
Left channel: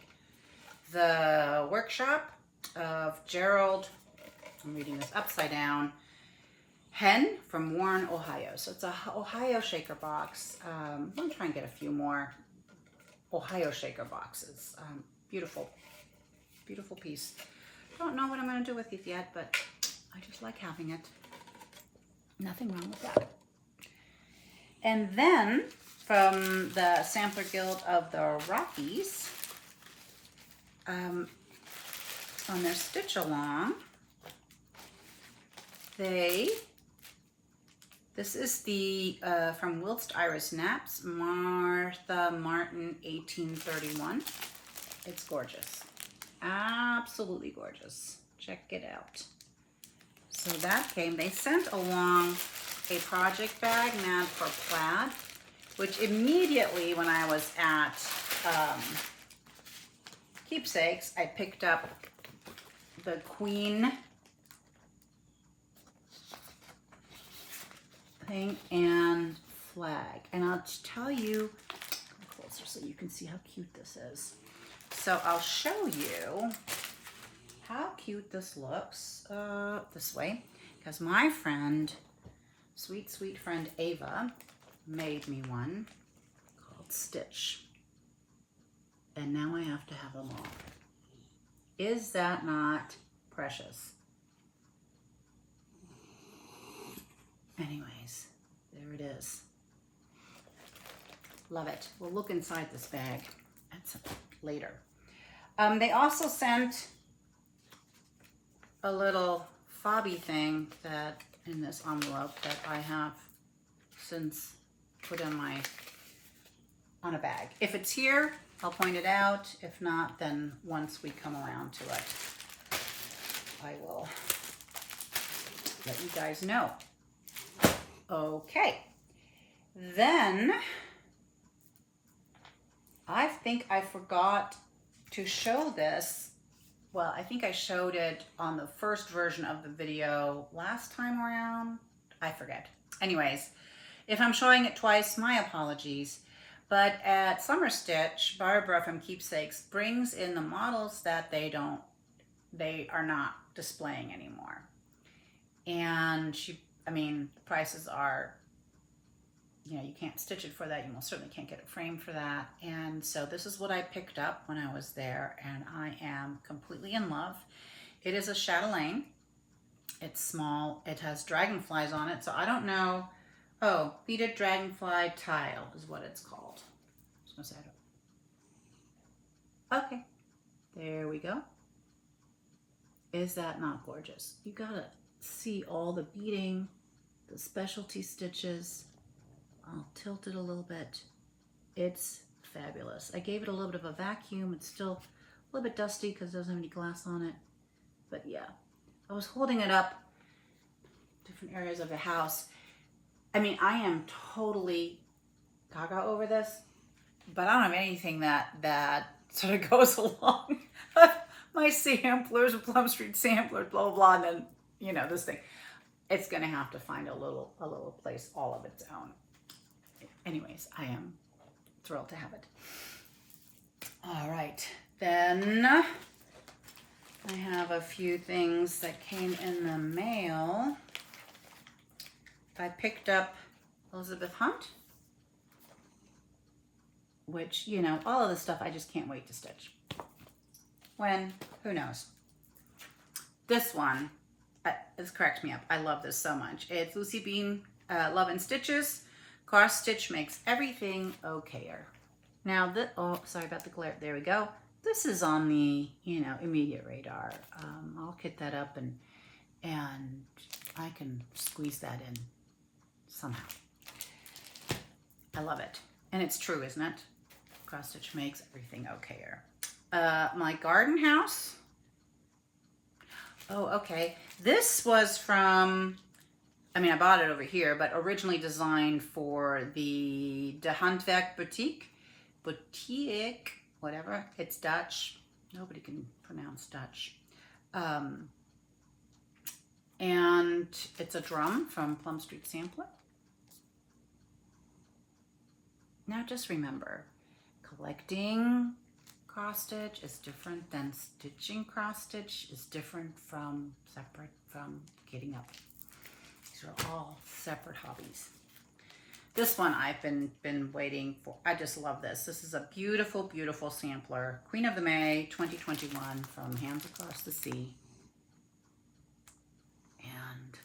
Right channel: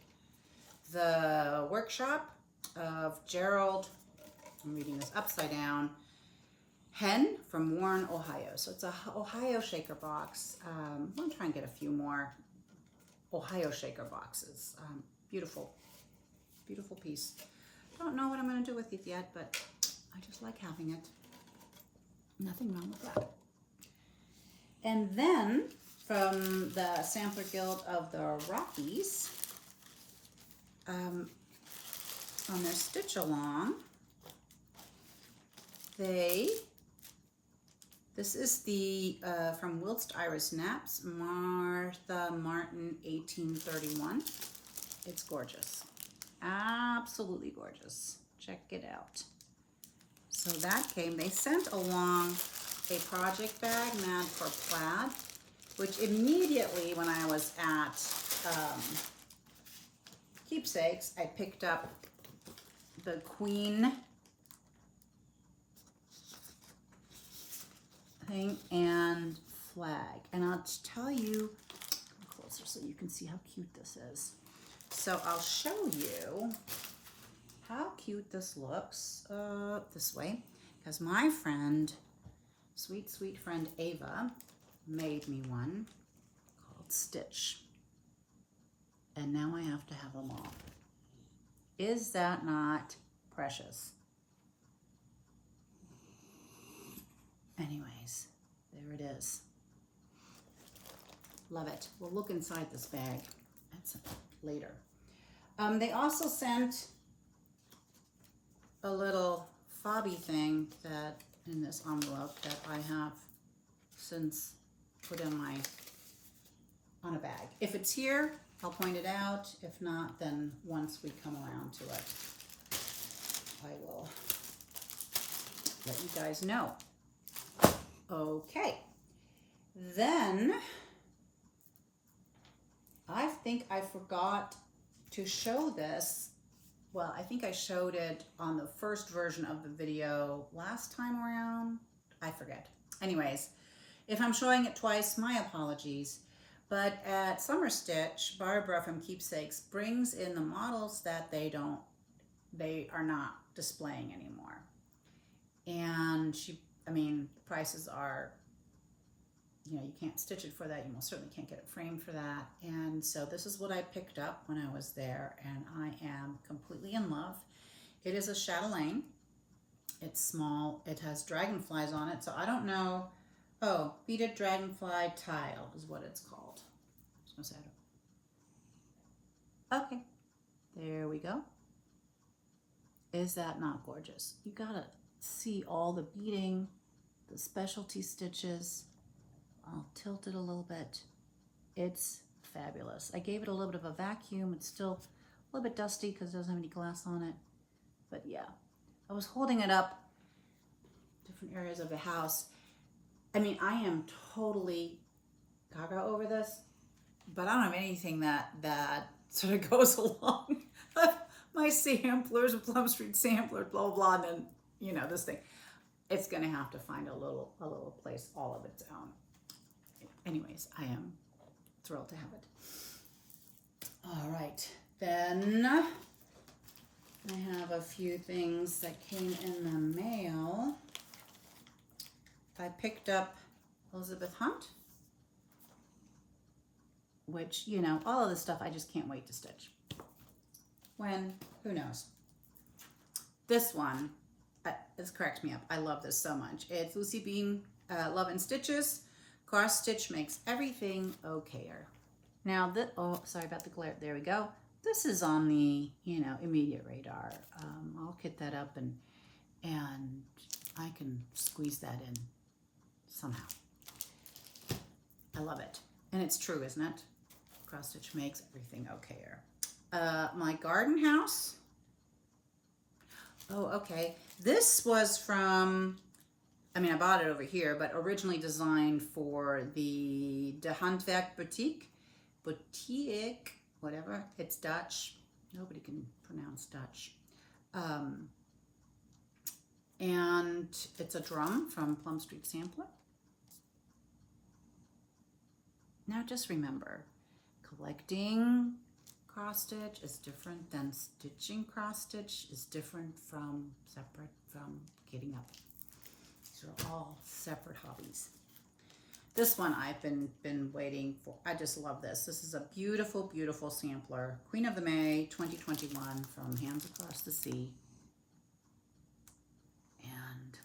the Workshop of Gerald, I'm reading this upside down, Hen from Warren, Ohio. So it's a Ohio shaker box. I'm going to try and get a few more Ohio shaker boxes. Beautiful, beautiful piece. Don't know what I'm going to do with it yet, but I just like having it. Nothing wrong with that. And then from the Sampler Guild of the Rockies, on their Stitch Along, this is the, from Whilst Iris Naps, Martha Martin 1831. It's gorgeous. Absolutely gorgeous. Check it out. So that came, they sent along a project bag, Mad for Plaid, which immediately when I was at Keepsakes, I picked up the Queen thing and flag. And I'll tell you, come closer so you can see how cute this is. So I'll show you how cute this looks this way, because my friend, sweet, sweet friend Ava, made me one called Stitch. And now I have to have them all. Is that not precious? Anyways, there it is. Love it. We'll look inside this bag at some later. They also sent a little fobby thing that in this envelope that I have since put in on a bag. If it's here, I'll point it out. If not, then once we come around to it, I will let you guys know. Okay, then I think I forgot to show this. Well, I think I showed it on the first version of the video last time around. I forget. Anyways, if I'm showing it twice, my apologies. But at Summer Stitch, Barbara from Keepsakes brings in the models that they are not displaying anymore. And the prices are, you can't stitch it for that. You most certainly can't get it framed for that. And so this is what I picked up when I was there, and I am completely in love. It is a chatelaine. It's small. It has dragonflies on it. So I don't know. Oh, beaded dragonfly tile is what it's called. I was gonna say okay, there we go. Is that not gorgeous? You gotta see all the beading, the specialty stitches. I'll tilt it a little bit. It's fabulous. I gave it a little bit of a vacuum. It's still a little bit dusty because it doesn't have any glass on it. But yeah, I was holding it up different areas of the house. I am totally gaga over this, but I don't have anything that sort of goes along. My samplers, Plum Street samplers, blah, blah, blah, and then, this thing. It's gonna have to find a little place all of its own. Anyways, I am thrilled to have it. All right, then I have a few things that came in the mail. I picked up Elizabeth Hunt, which, all of this stuff I just can't wait to stitch. When? Who knows? This one, this cracks me up. I love this so much. It's Lucy Bean, Love and Stitches. Cross stitch makes everything okayer. Now, oh, sorry about the glare. There we go. This is on the, immediate radar. I'll kit that up and I can squeeze that in somehow. I love it. And it's true, isn't it? Cross stitch makes everything okayer. My garden house. Oh, okay. This was from, I bought it over here, but originally designed for the De Handwerk Boutique, whatever. It's Dutch. Nobody can pronounce Dutch. And it's a drum from Plum Street Sampler. Now just remember, collecting cross stitch is different than stitching cross stitch is different from separate from getting up. These are all separate hobbies. This one I've been waiting for. I just love this. This is a beautiful, beautiful sampler. Queen of the May 2021 from Hands Across the Sea. And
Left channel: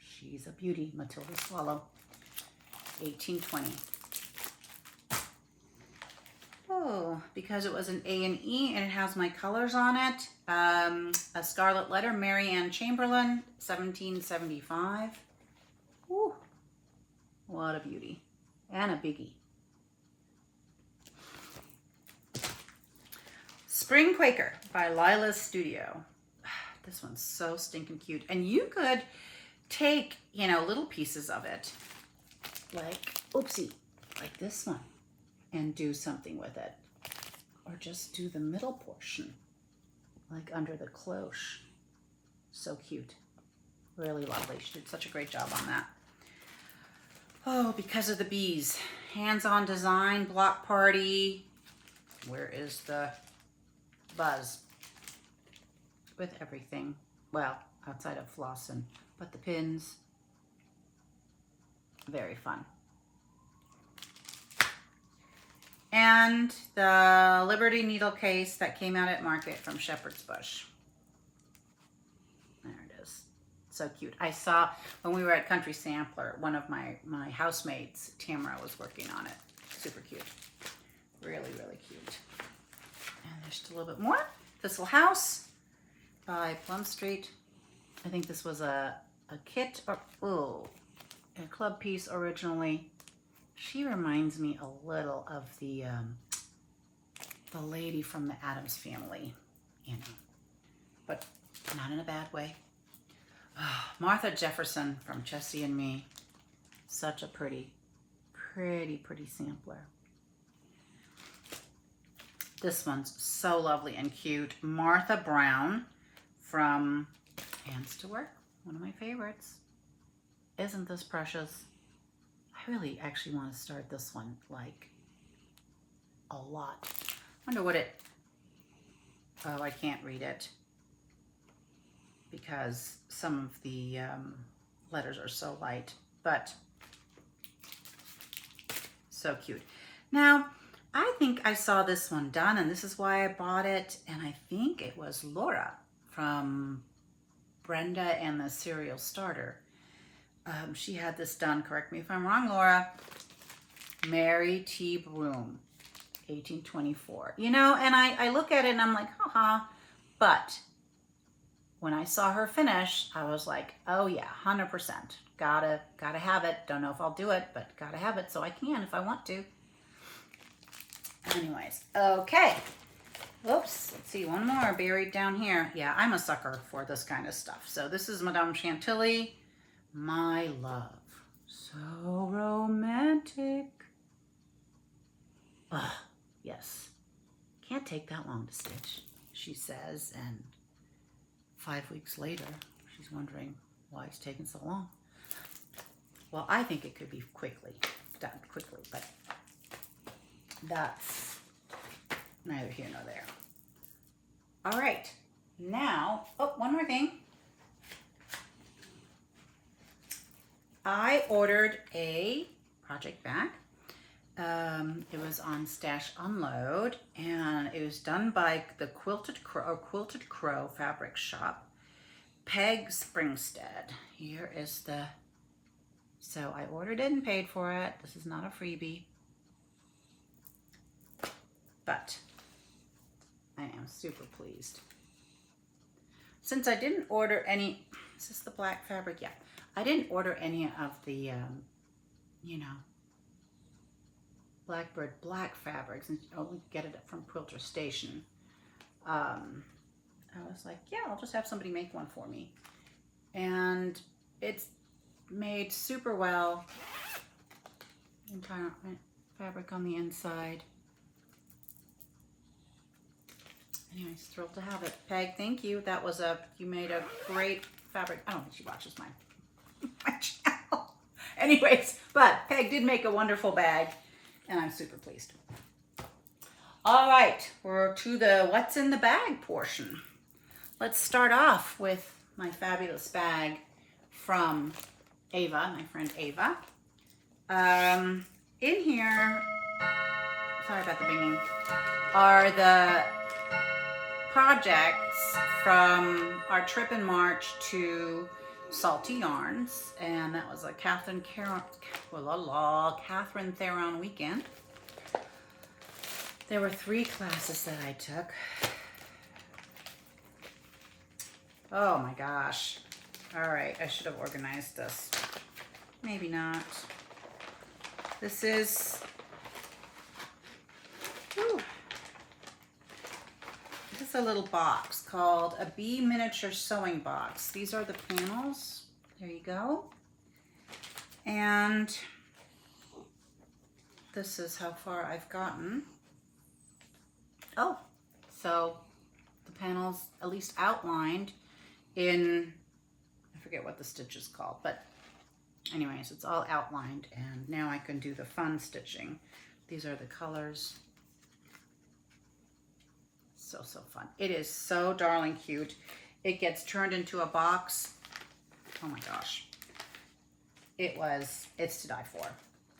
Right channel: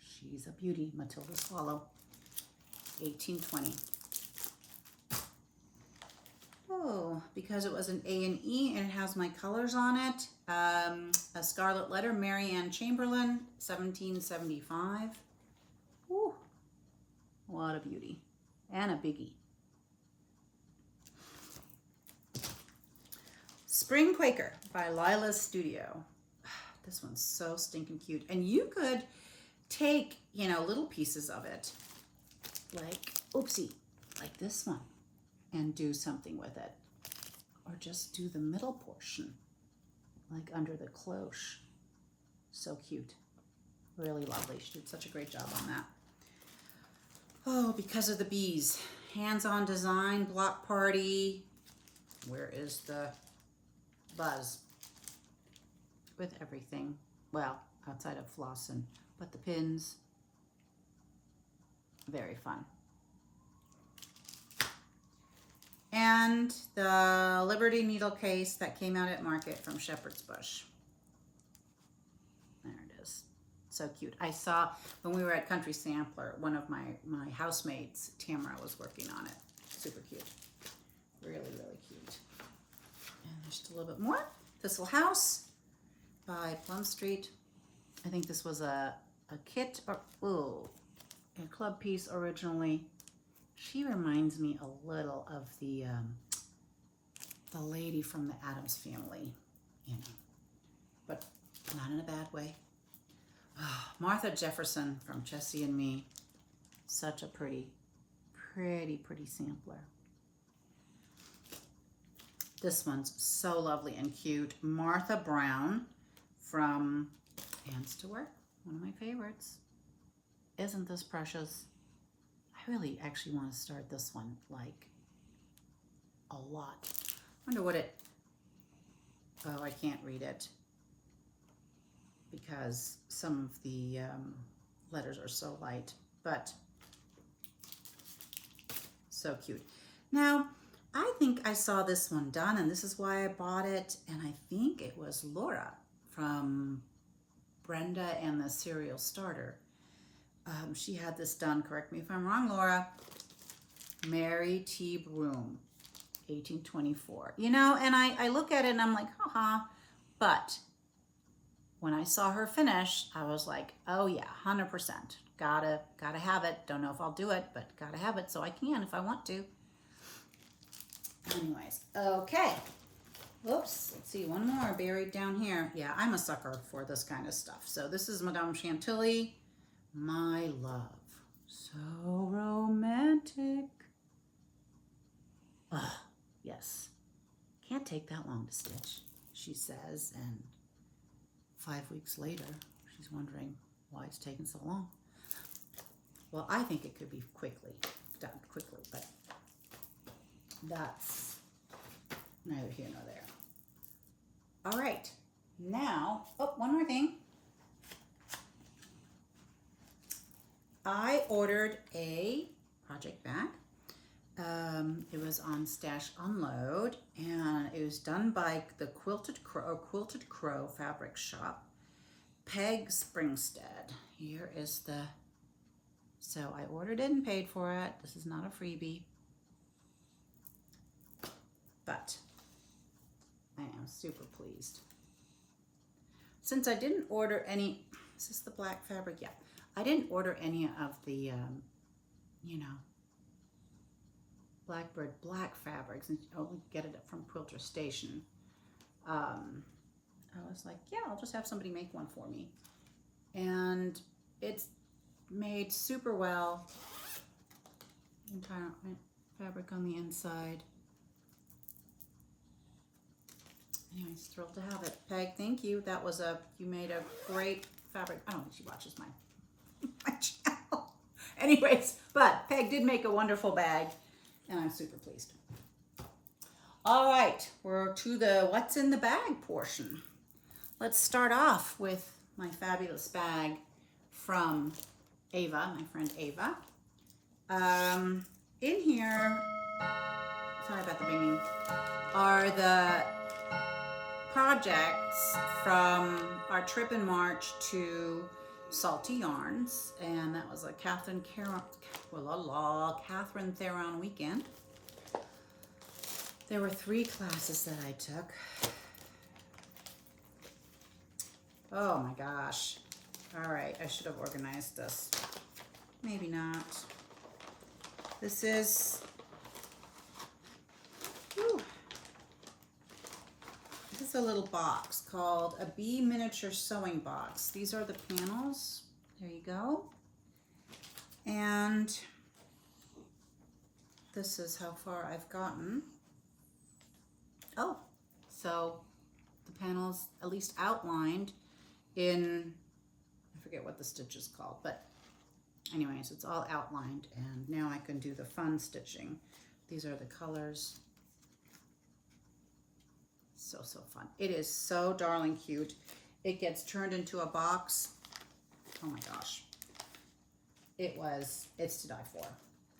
she's a beauty, Matilda Swallow, 1820. Oh, because it was an A and E and it has my colors on it. A Scarlet Letter, Mary Ann Chamberlain, 1775. Ooh, what a beauty. And a biggie. Spring Quaker by Lila's Studio. This one's so stinking cute. And you could take, you know, little pieces of it, like, oopsie, like this one, and do something with it. Or just do the middle portion, like under the cloche. So cute. Really lovely. She did such a great job on that. Oh, because of the bees. Hands-on design, block party. Where is the buzz? With everything. Well, outside of Floss but the pins. Very fun. And the Liberty needle case that came out at market from Shepherd's Bush. There it is. So cute. I saw when we were at Country Sampler, one of my housemates, Tamara, was working on it. Super cute. Really, really cute. And there's just a little bit more. Thistle House by Plum Street. I think this was a kit or a club piece originally. She reminds me a little of the lady from the Addams Family, you know, but not in a bad way. Oh, Martha Jefferson from Jessie and Me. Such a pretty, pretty, pretty sampler. This one's so lovely and cute. Martha Brown from Hands to Work, one of my favorites. Isn't this precious? I really actually want to start this one, like, a lot. Wonder what it, oh, I can't read it because some of the letters are so light, but so cute. Now, I think I saw this one done, and this is why I bought it, and I think it was Laura from Brenda and the Cereal Starter. She had this done, correct me if I'm wrong, Laura. Mary T. Broom, 1824. You know, and I look at it and I'm like, haha. But when I saw her finish, I was like, oh yeah, 100%. Gotta have it. Don't know if I'll do it, but gotta have it so I can if I want to. Anyways, okay. Oops, let's see, one more buried down here. Yeah, I'm a sucker for this kind of stuff. So this is Madame Chantilly. My love, so romantic. Oh, yes. Can't take that long to stitch, she says, and 5 weeks later, she's wondering why it's taking so long. Well, I think it could be done quickly, but that's neither here nor there. All right, now, oh, one more thing. I ordered a project bag. It was on Stash Unload, and it was done by the Quilted Crow Fabric Shop, Peg Springstead. Here is the, so I ordered it and paid for it. This is not a freebie, but I am super pleased. Since I didn't order any, is this the black fabric? Yeah. I didn't order any of the, you know, Blackbird black fabrics, and only get it from Quilter Station. I was like, yeah, I'll just have somebody make one for me. And it's made super well. Entire fabric on the inside. Anyways, thrilled to have it. Peg, thank you. That was you made a great fabric. I don't think she watches my channel. Anyways, but Peg did make a wonderful bag, and I'm super pleased. All right, we're to the what's in the bag portion. Let's start off with my fabulous bag from Ava, my friend Ava. In here, sorry about the binging, are the projects from our trip in March to Salty Yarns, and that was a Catherine Theron weekend. There were 3 classes that I took. Oh my gosh. All right, I should have organized this. Maybe not. This is, whew. This is a little box called a Bee Miniature Sewing Box. These are the panels. There you go. And this is how far I've gotten. Oh, so the panels at least outlined in, I forget what the stitch is called, but anyways, it's all outlined, and now I can do the fun stitching. These are the colors. So fun. It is so darling cute. It gets turned into a box. Oh my gosh. It's to die for.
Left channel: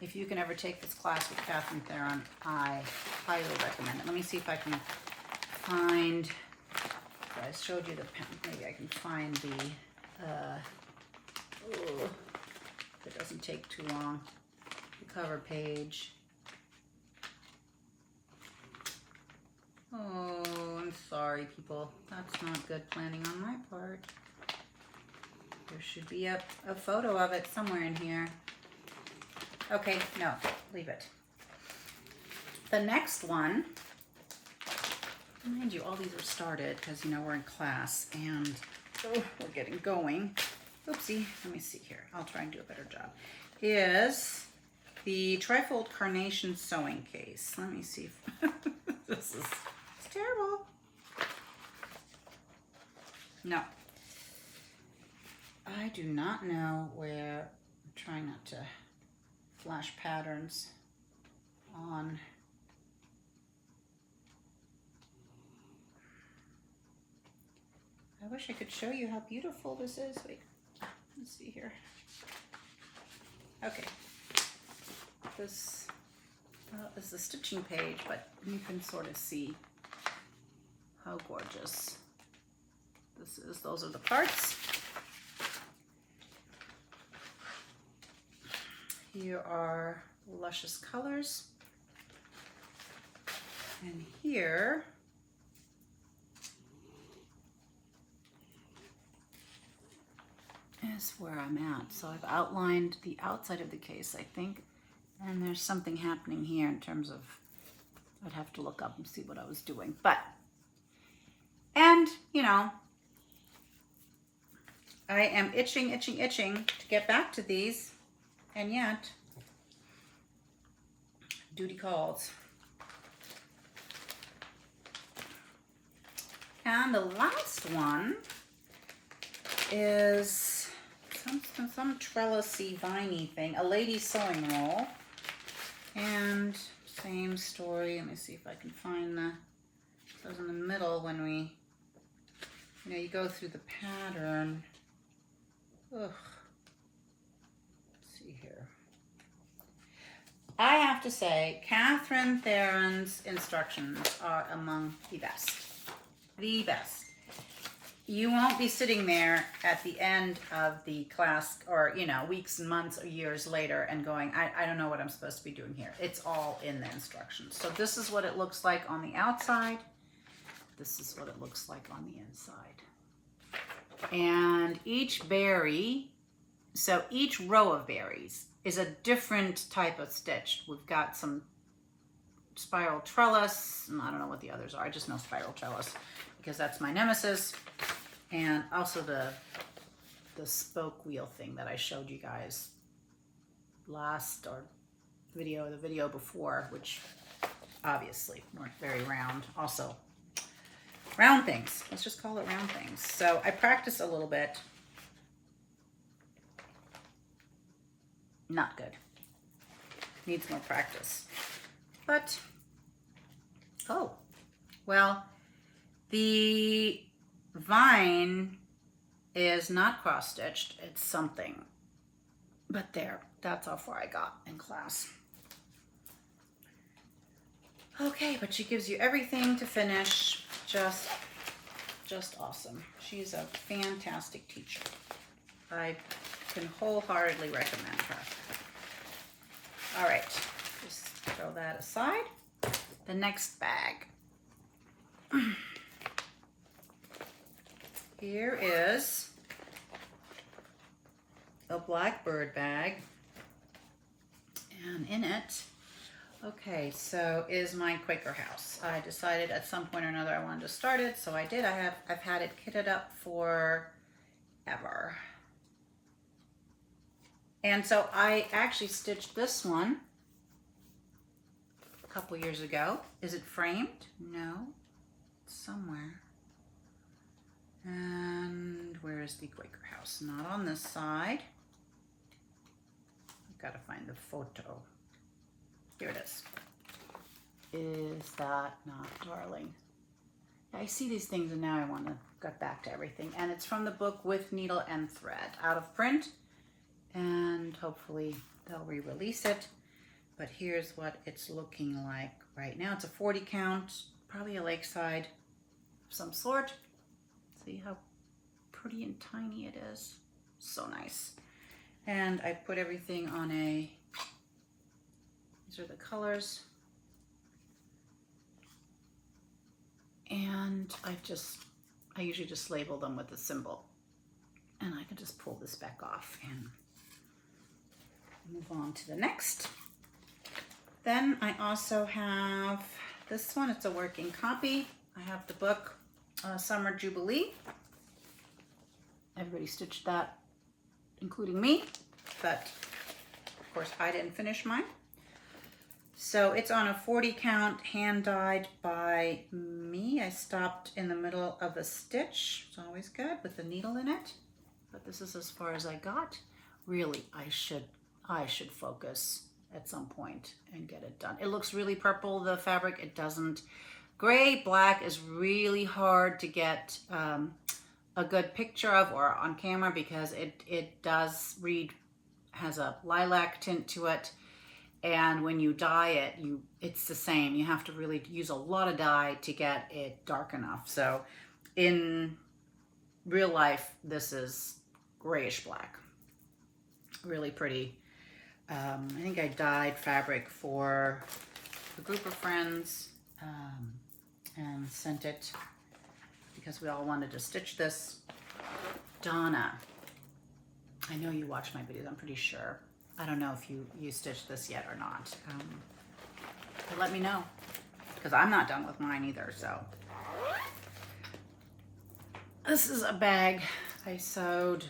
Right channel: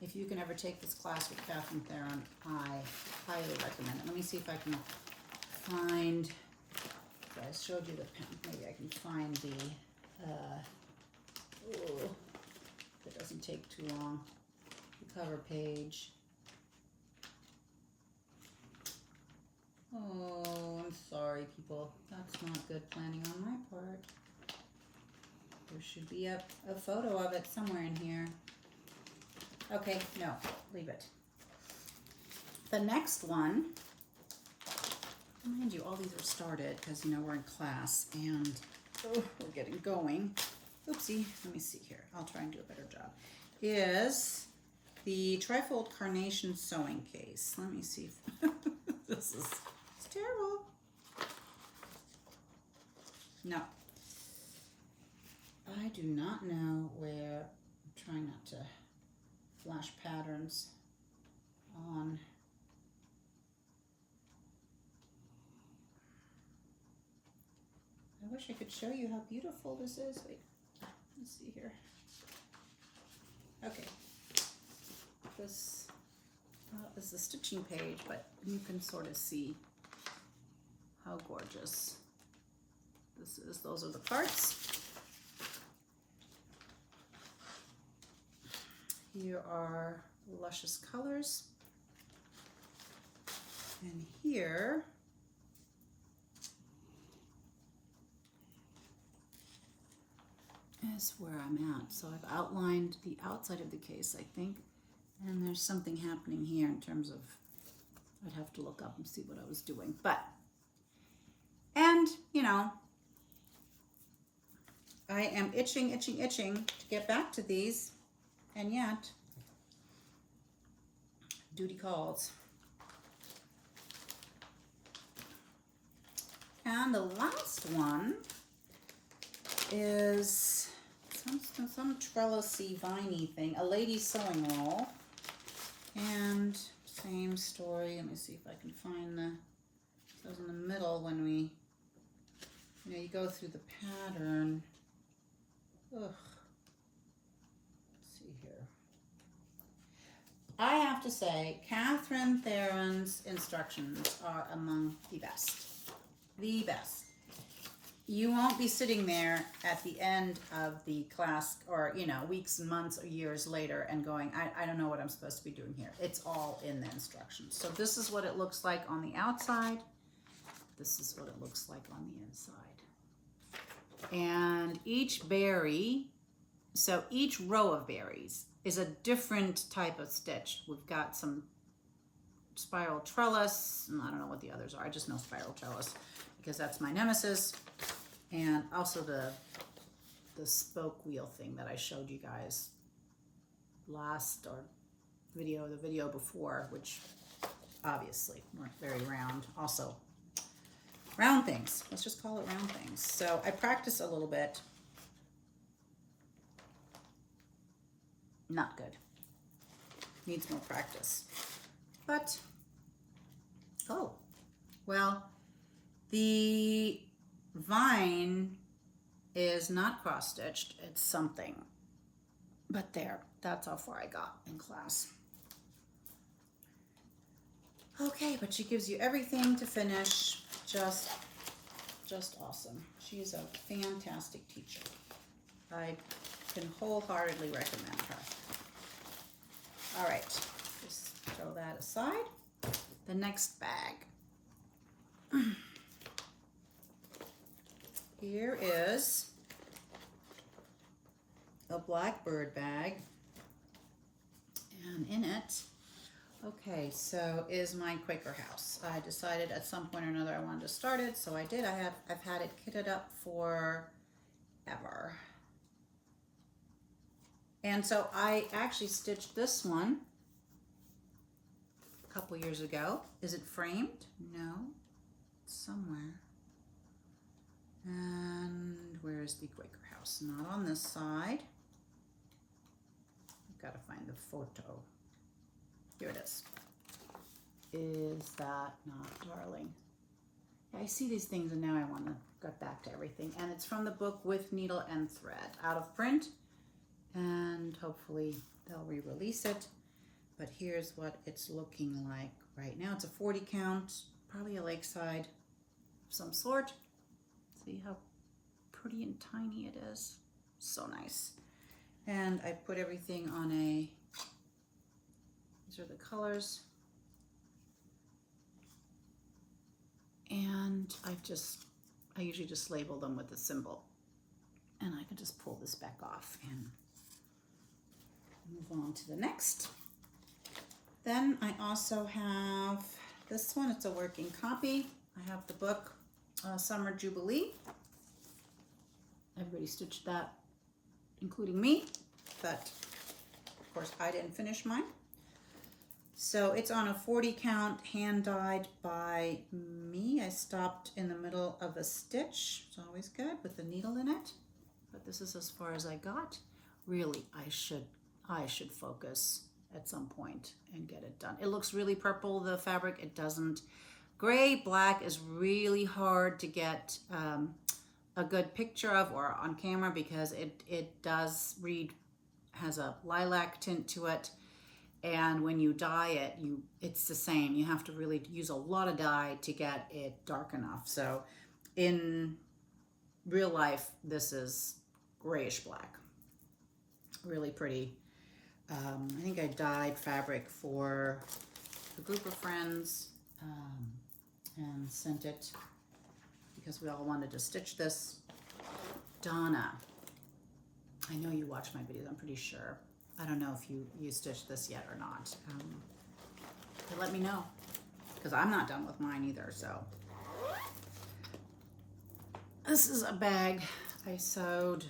If you can ever take this class with Catherine Theron, I highly recommend it. Let me see if I can find, I showed you the pen, maybe I can find the, it doesn't take too long, the cover page. Oh, I'm sorry, people. That's not good planning on my part. There should be a photo of it somewhere in here. Okay, no, leave it. The next one, mind you, all these are started because, you know, we're in class and we're getting going. Oopsie, let me see here. I'll try and do a better job. Is the Trifold Carnation Sewing Case. Let me see if this is terrible. No. I do not know where, I'm trying not to flash patterns on. I wish I could show you how beautiful this is. Wait, let's see here. Okay. This is the stitching page, but you can sort of see how gorgeous this is. Those are the parts. Here are luscious colors. And here is where I'm at. So I've outlined the outside of the case, I think, and there's something happening here in terms of, I'd have to look up and see what I was doing. But, and, you know, I am itching to get back to these, and yet, duty calls. And the last one is some trellisy, viney thing, a lady's sewing roll. And same story. Let me see if I can find the, so it was in the middle when we, you know, you go through the pattern. Ugh. Let's see here. I have to say, Catherine Theron's instructions are among the best. The best. You won't be sitting there at the end of the class or, you know, weeks and months or years later and going, I don't know what I'm supposed to be doing here. It's all in the instructions. So this is what it looks like on the outside. This is what it looks like on the inside. And each berry, so each row of berries is a different type of stitch. We've got some spiral trellis, and I don't know what the others are. I just know spiral trellis because that's my nemesis. And also the spoke wheel thing that I showed you guys last, or the video before, which obviously weren't very round. Also, round things. Let's just call it round things. So I practiced a little bit. Not good. Needs more practice. But, oh, well, the vine is not cross-stitched. It's something. But there, that's how far I got in class. Okay, but she gives you everything to finish. Just awesome. She's a fantastic teacher. I can wholeheartedly recommend her. All right, just throw that aside. The next bag. Here is a blackbird bag, and in it, okay, so is my Quaker house. I decided at some point or another I wanted to start it, so I did. I've had it kitted up for ever. And so I actually stitched this one a couple years ago. Is it framed? No, it's somewhere. And where is the Quaker house? Not on this side. I've got to find the photo. Here it is. Is that not darling? I see these things and now I want to get back to everything. And it's from the book With Needle and Thread, out of print. And hopefully they'll re-release it. But here's what it's looking like right now. It's a 40 count, probably a lakeside of some sort. See how pretty and tiny it is. So nice. And I put everything on a, these are the colors. And I usually just label them with a symbol. And I can just pull this back off and move on to the next. Then I also have this one. It's a working copy. I have the book Summer Jubilee. Everybody stitched that, including me, but of course I didn't finish mine. So it's on a 40 count, hand dyed by me. I stopped in the middle of a stitch. It's always good with the needle in it, but this is as far as I got. Really, I should focus at some point and get it done. It looks really purple, the fabric. It doesn't. Gray, black is really hard to get a good picture of or on camera because it does read, has a lilac tint to it. And when you dye it, it's the same. You have to really use a lot of dye to get it dark enough. So in real life, this is grayish black. Really pretty. I think I dyed fabric for a group of friends and sent it because we all wanted to stitch this. Donna, I know you watch my videos, I'm pretty sure. I don't know if you stitched this yet or not. But let me know because I'm not done with mine either. So this is a bag I sewed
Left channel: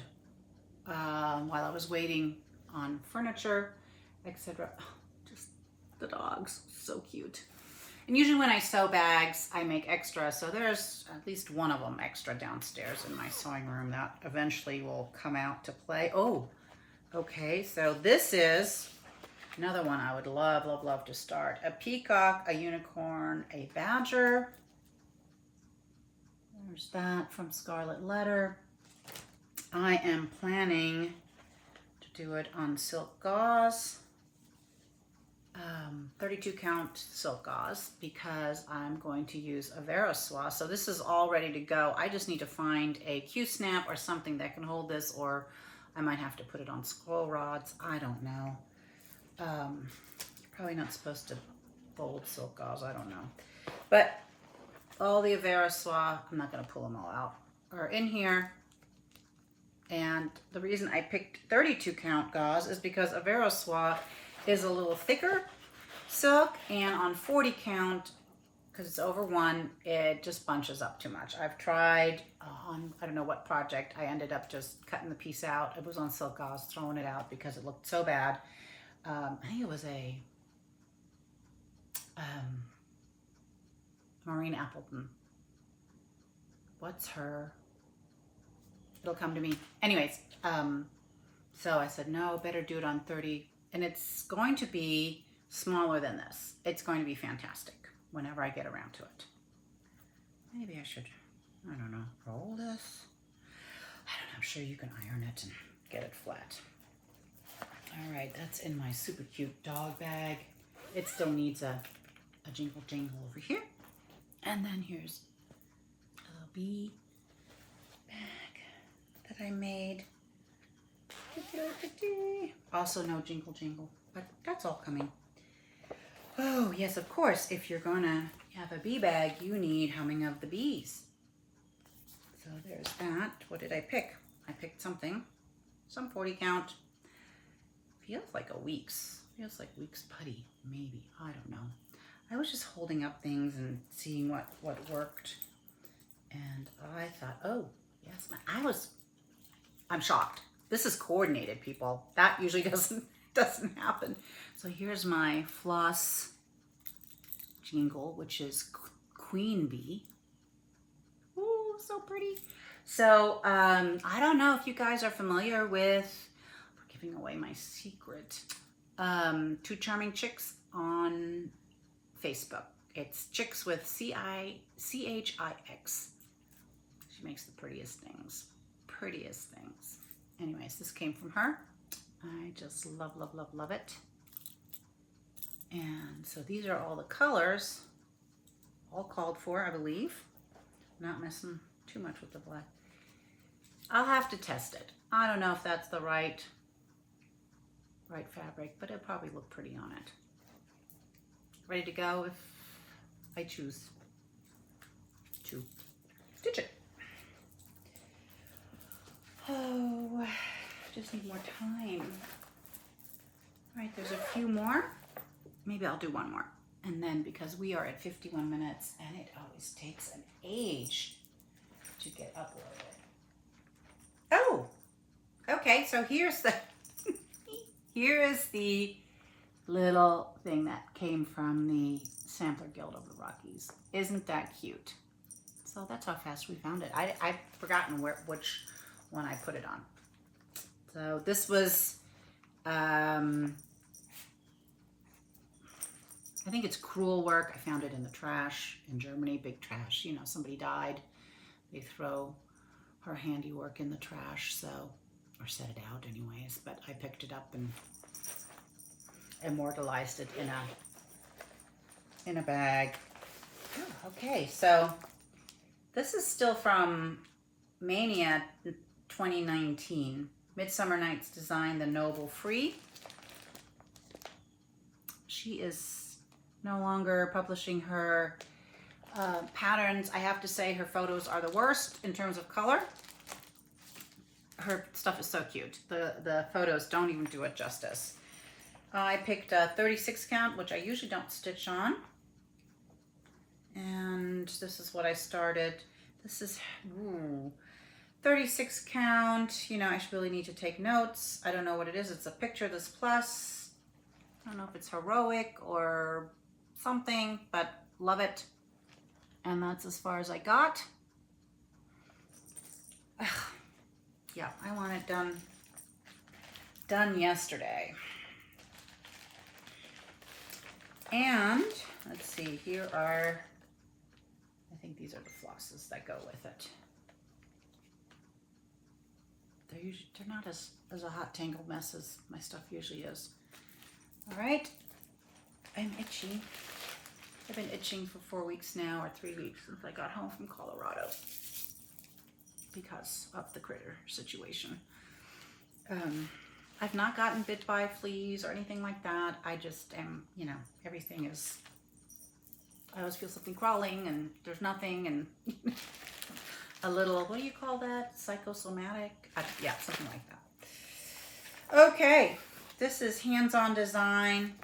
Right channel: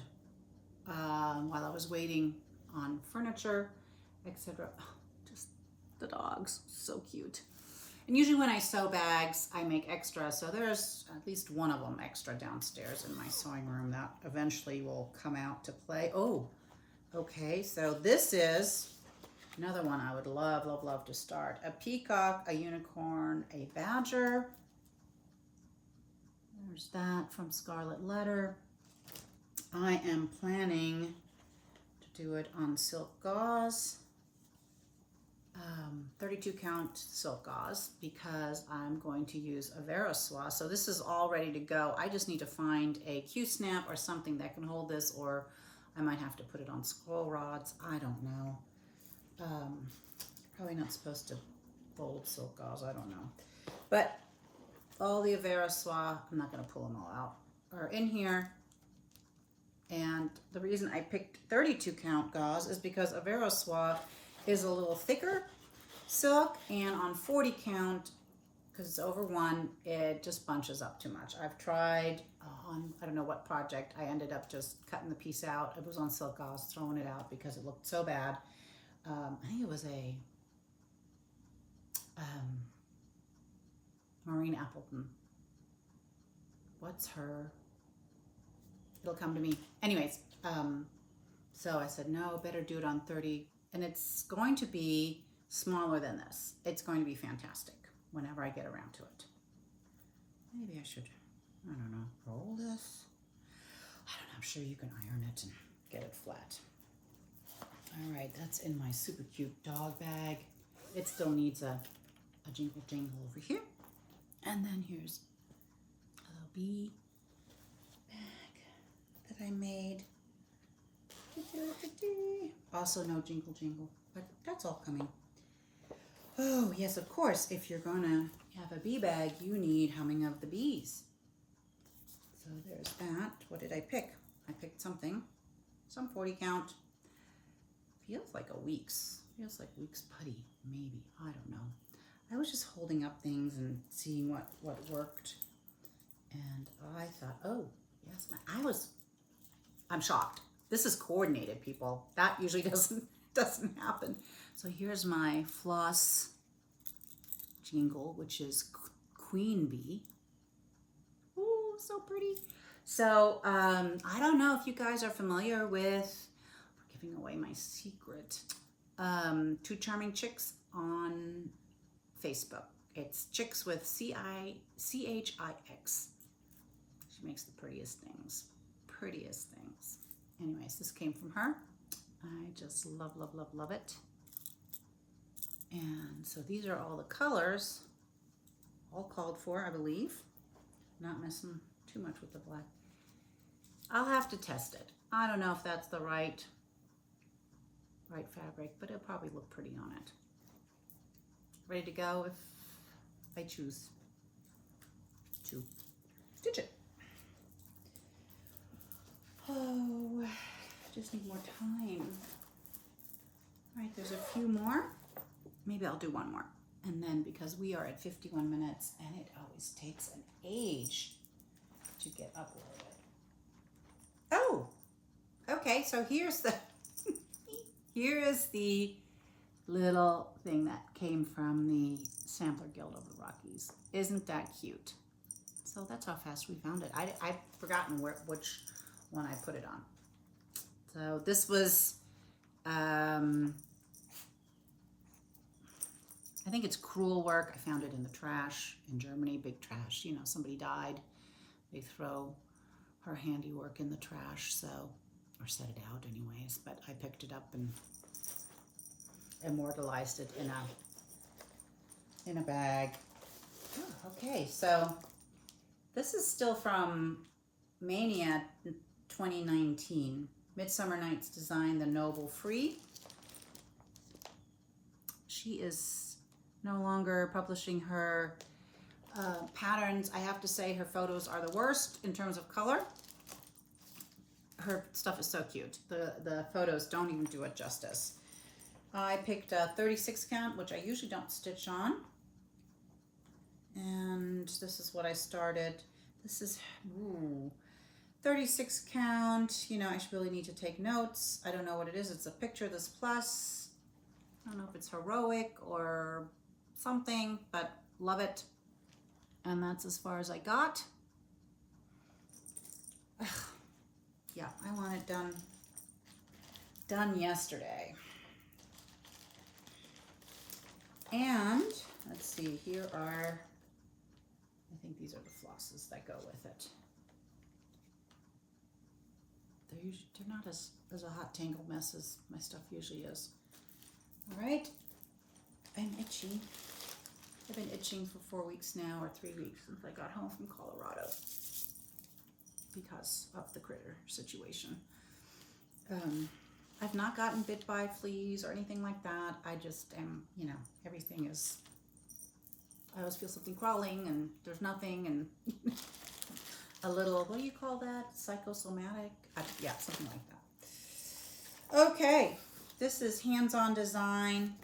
while I was waiting on furniture, etc. Oh, just the dogs, so cute. And usually when I sew bags, I make extra. So there's at least one of them extra downstairs in my sewing room that eventually will come out to play. Oh, okay. So this is another one I would love, love, love to start. A peacock, a unicorn, a badger. There's that from Scarlet Letter. I am planning to do it on silk gauze. 32 count silk gauze because I'm going to use a Verosoie. So this is all ready to go. I just need to find a Q-snap or something that can hold this, or I might have to put it on scroll rods. I don't know. Probably not supposed to fold silk gauze. I don't know. But all the Verosoie, I'm not going to pull them all out, are in here. And the reason I picked 32 count gauze is because a Verosoie is a little thicker silk, and on 40 count, because it's over 1, it just bunches up too much. I've tried on, I don't know what project, I ended up just cutting the piece out. It was on silk gauze, throwing it out because it looked so bad. I think it was a Maureen Appleton. What's her? It'll come to me. Anyways, so I said, no, better do it on 30. And it's going to be smaller than this. It's going to be fantastic whenever I get around to it. Maybe I should, I don't know, roll this. I don't know, I'm sure you can iron it and get it flat. All right, that's in my super cute dog bag. It still needs a jingle jangle over here. And then here's a little bee bag that I made. Also no jingle jangle, but that's all coming. Oh, yes, of course, if you're gonna have a bee bag, you need humming of the bees. So there's that. What did I pick? I picked something, some 40 count. Feels like feels like Weeks putty, maybe, I don't know. I was just holding up things and seeing what worked. And I thought, oh, yes, I'm shocked. This is coordinated, people. That usually doesn't happen. So here's my Floss jingle, which is Queen Bee. Ooh, so pretty. So I don't know if you guys are familiar with, for giving away my secret, Two Charming Chicks on Facebook. It's Chicks with C-H-I-X. She makes the prettiest things. Anyways, this came from her. I just love, love, love, love it. And so these are all the colors, all called for, I believe. Not messing too much with the black. I'll have to test it. I don't know if that's the right fabric, but it'll probably look pretty on it. Ready to go if I choose to stitch it. Oh, just need more time. All right, there's a few more. Maybe I'll do one more. And then, because we are at 51 minutes and it always takes an age to get uploaded. Oh, okay, so here's the, here is the little thing that came from the Sampler Guild of the Rockies. Isn't that cute? So that's how fast we found it. I've forgotten which one I put it on. So this was, I think it's crewel work. I found it in the trash in Germany, big trash. You know, somebody died. They throw her handiwork in the trash, so, or set it out anyways. But I picked it up and immortalized it in a bag. Oh, okay, so this is still from Mania 2019. Midsummer Night's Design, the Noble Free. She is no longer publishing her patterns. I have to say her photos are the worst in terms of color. Her stuff is so cute. The photos don't even do it justice. I picked a 36 count, which I usually don't stitch on. And this is what I started. This is 36 count. You know, I really need to take notes. I don't know what it is. It's a picture, this plus. I don't know if it's heroic or something, but love it. And that's as far as I got. Yeah, I want it done yesterday. And let's see, here are, I think these are the flosses that go with it. They're not as a hot tangled mess as my stuff usually is. All right, I'm itchy. I've been itching for 4 weeks now, or 3 weeks since I got home from Colorado because of the critter situation. I've not gotten bit by fleas or anything like that. I just am, you know, everything is, I always feel something crawling and there's nothing, and a little, what do you call that? Psychosomatic? Yeah, something like that. Okay, this is Hands-On Design,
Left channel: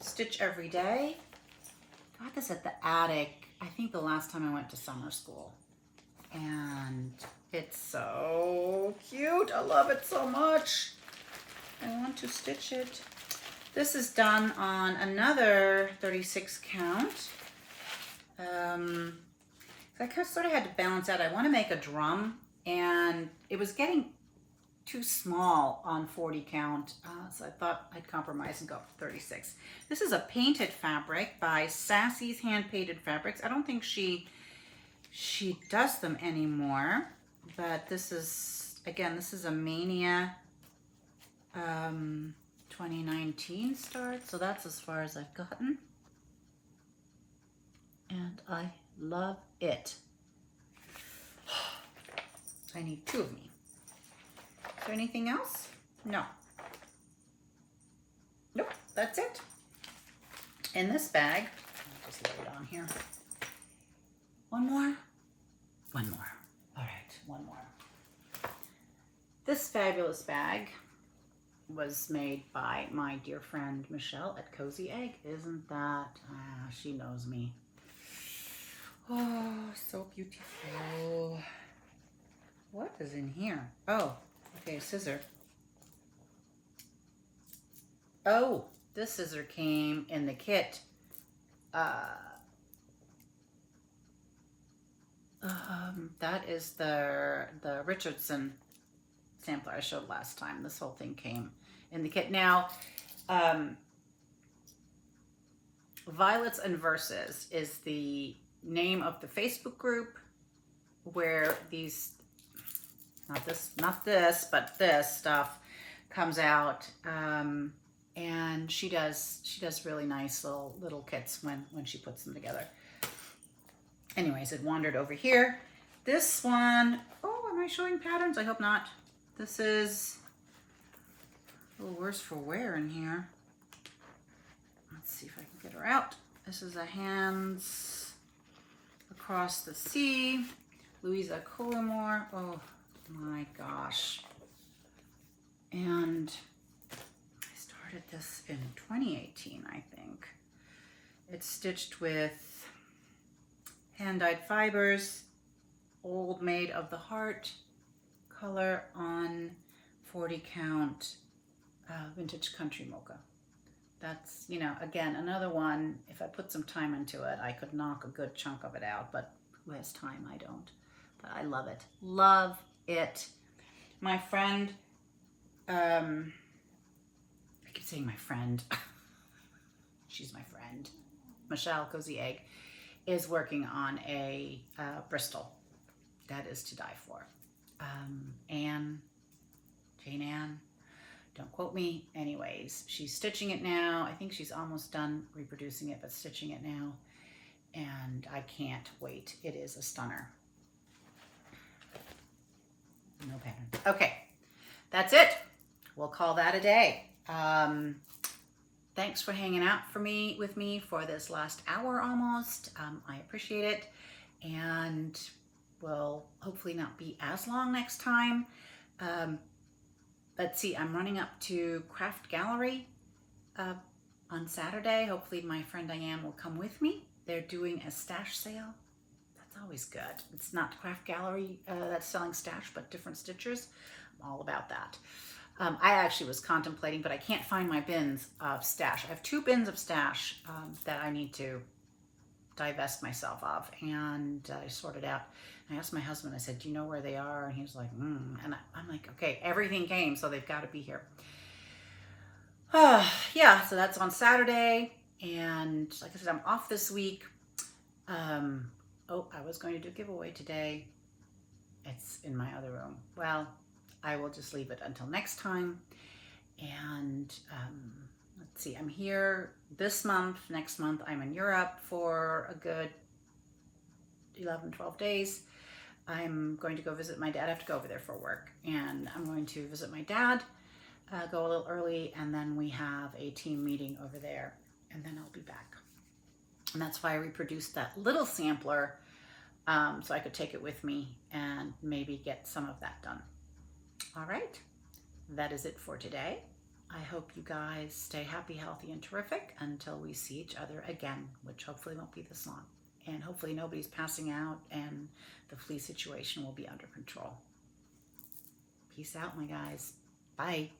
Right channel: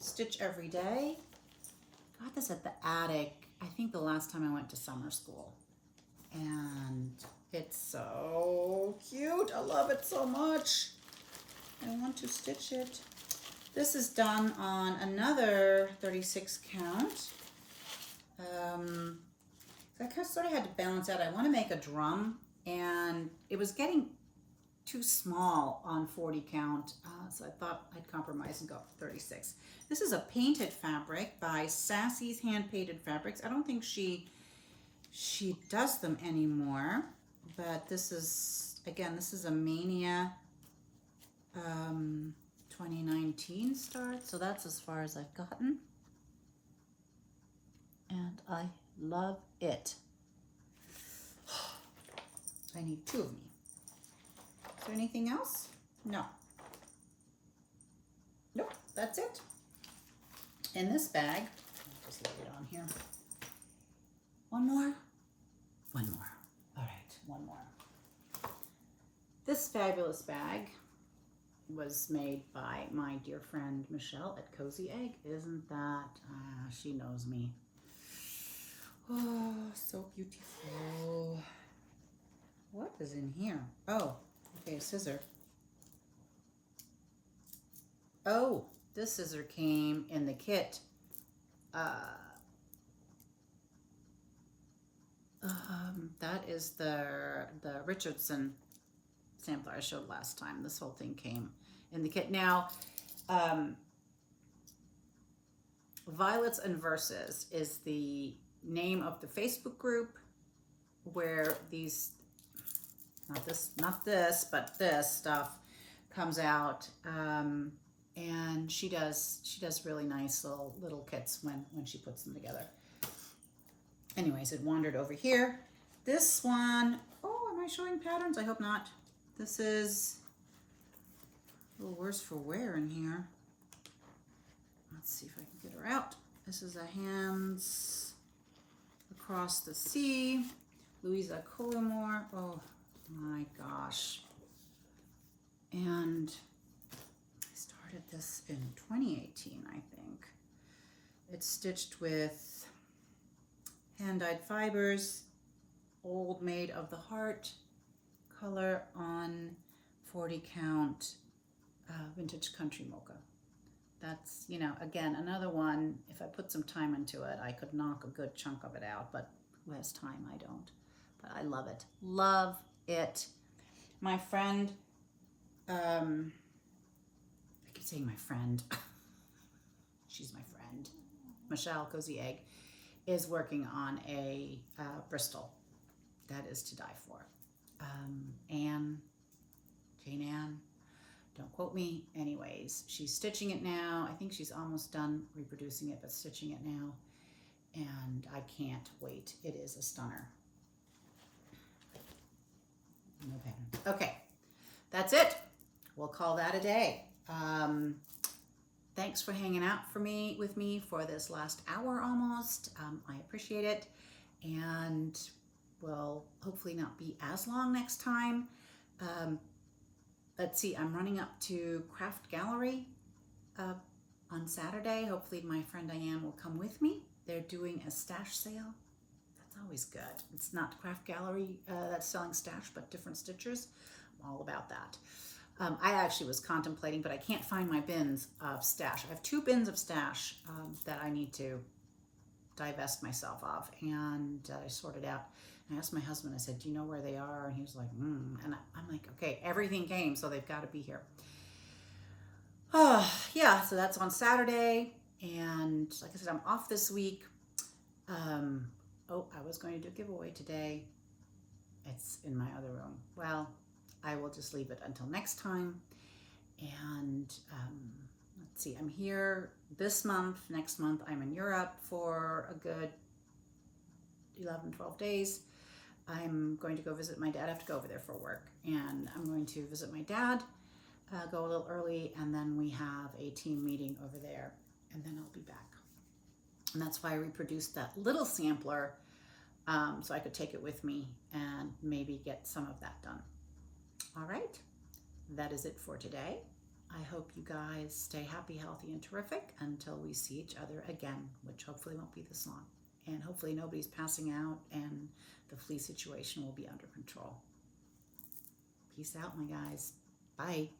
Stitch Every Day. Got this at the attic, I think the last time I went to summer school. And it's so cute. I love it so much. I want to stitch it. This is done on another 36 count. I sort of had to balance out. I want to make a drum, and it was getting too small on 40 count, so I thought I'd compromise and go for 36. This is a painted fabric by Sassy's Hand Painted Fabrics. I don't think she does them anymore, but this is, again, this is a Mania 2019 start, so that's as far as I've gotten, and I love it. I need 2 of me. Is there anything else? No. Nope, that's it. In this bag, I'll just lay it on here. One more? One more. All right, one more. This fabulous bag was made by my dear friend Michelle at Cozy Egg. Isn't that, she knows me. Oh, so beautiful. What is in here? Oh, okay, scissor. Oh, this scissor came in the kit. That is the Richardson sampler I showed last time. This whole thing came in the kit. Now, Violets and Verses is the name of the Facebook group where these, not this, but this stuff comes out. And she does really nice little kits when she puts them together. Anyways, it wandered over here. This one, oh, am I showing patterns? I hope not. This is a little worse for wear in here. Let's see if I can get her out. This is a Hands Across the Sea, Louisa Cullimore. Oh my gosh. And I started this in 2018, I think. It's stitched with hand-dyed fibers, old Maid of the Heart color on 40 count vintage country mocha. That's, you know, again, another one, if I put some time into it, I could knock a good chunk of it out, but who has time? I don't. But I love it. Love it. My friend, I keep saying my friend. She's my friend. Michelle Cozy Egg is working on a Bristol that is to die for. Jane Ann, don't quote me. Anyways, she's stitching it now. I think she's almost done reproducing it, but stitching it now. And I can't wait. It is a stunner. No pattern. Okay, that's it. We'll call that a day. Thanks for hanging out with me for this last hour almost. I appreciate it. And will hopefully not be as long next time. Let's see, I'm running up to Craft Gallery on Saturday. Hopefully my friend Diane will come with me. They're doing a stash sale. That's always good. It's not Craft Gallery that's selling stash, but different stitchers. I'm all about that. I actually was contemplating, but I can't find my bins of stash. I have 2 bins of stash that I need to divest myself of, and I sorted out. I asked my husband, I said, do you know where they are? And he was like, and I'm like, okay, everything came, so they've got to be here. Yeah, so that's on Saturday, and like I said, I'm off this week. Oh, I was going to do a giveaway today. It's in my other room. Well, I will just leave it until next time. And let's see, I'm here this month. Next month, I'm in Europe for a good 11, 12 days. I'm going to go visit my dad. I have to go over there for work. And I'm going to visit my dad, go a little early, and then we have a team meeting over there. And then I'll be back. And that's why I reproduced that little sampler so I could take it with me and maybe get some of that done. All right, that is it for today. I hope you guys stay happy, healthy, and terrific until we see each other again, which hopefully won't be this long. And hopefully nobody's passing out and the flea situation will be under control. Peace out, my guys. Bye.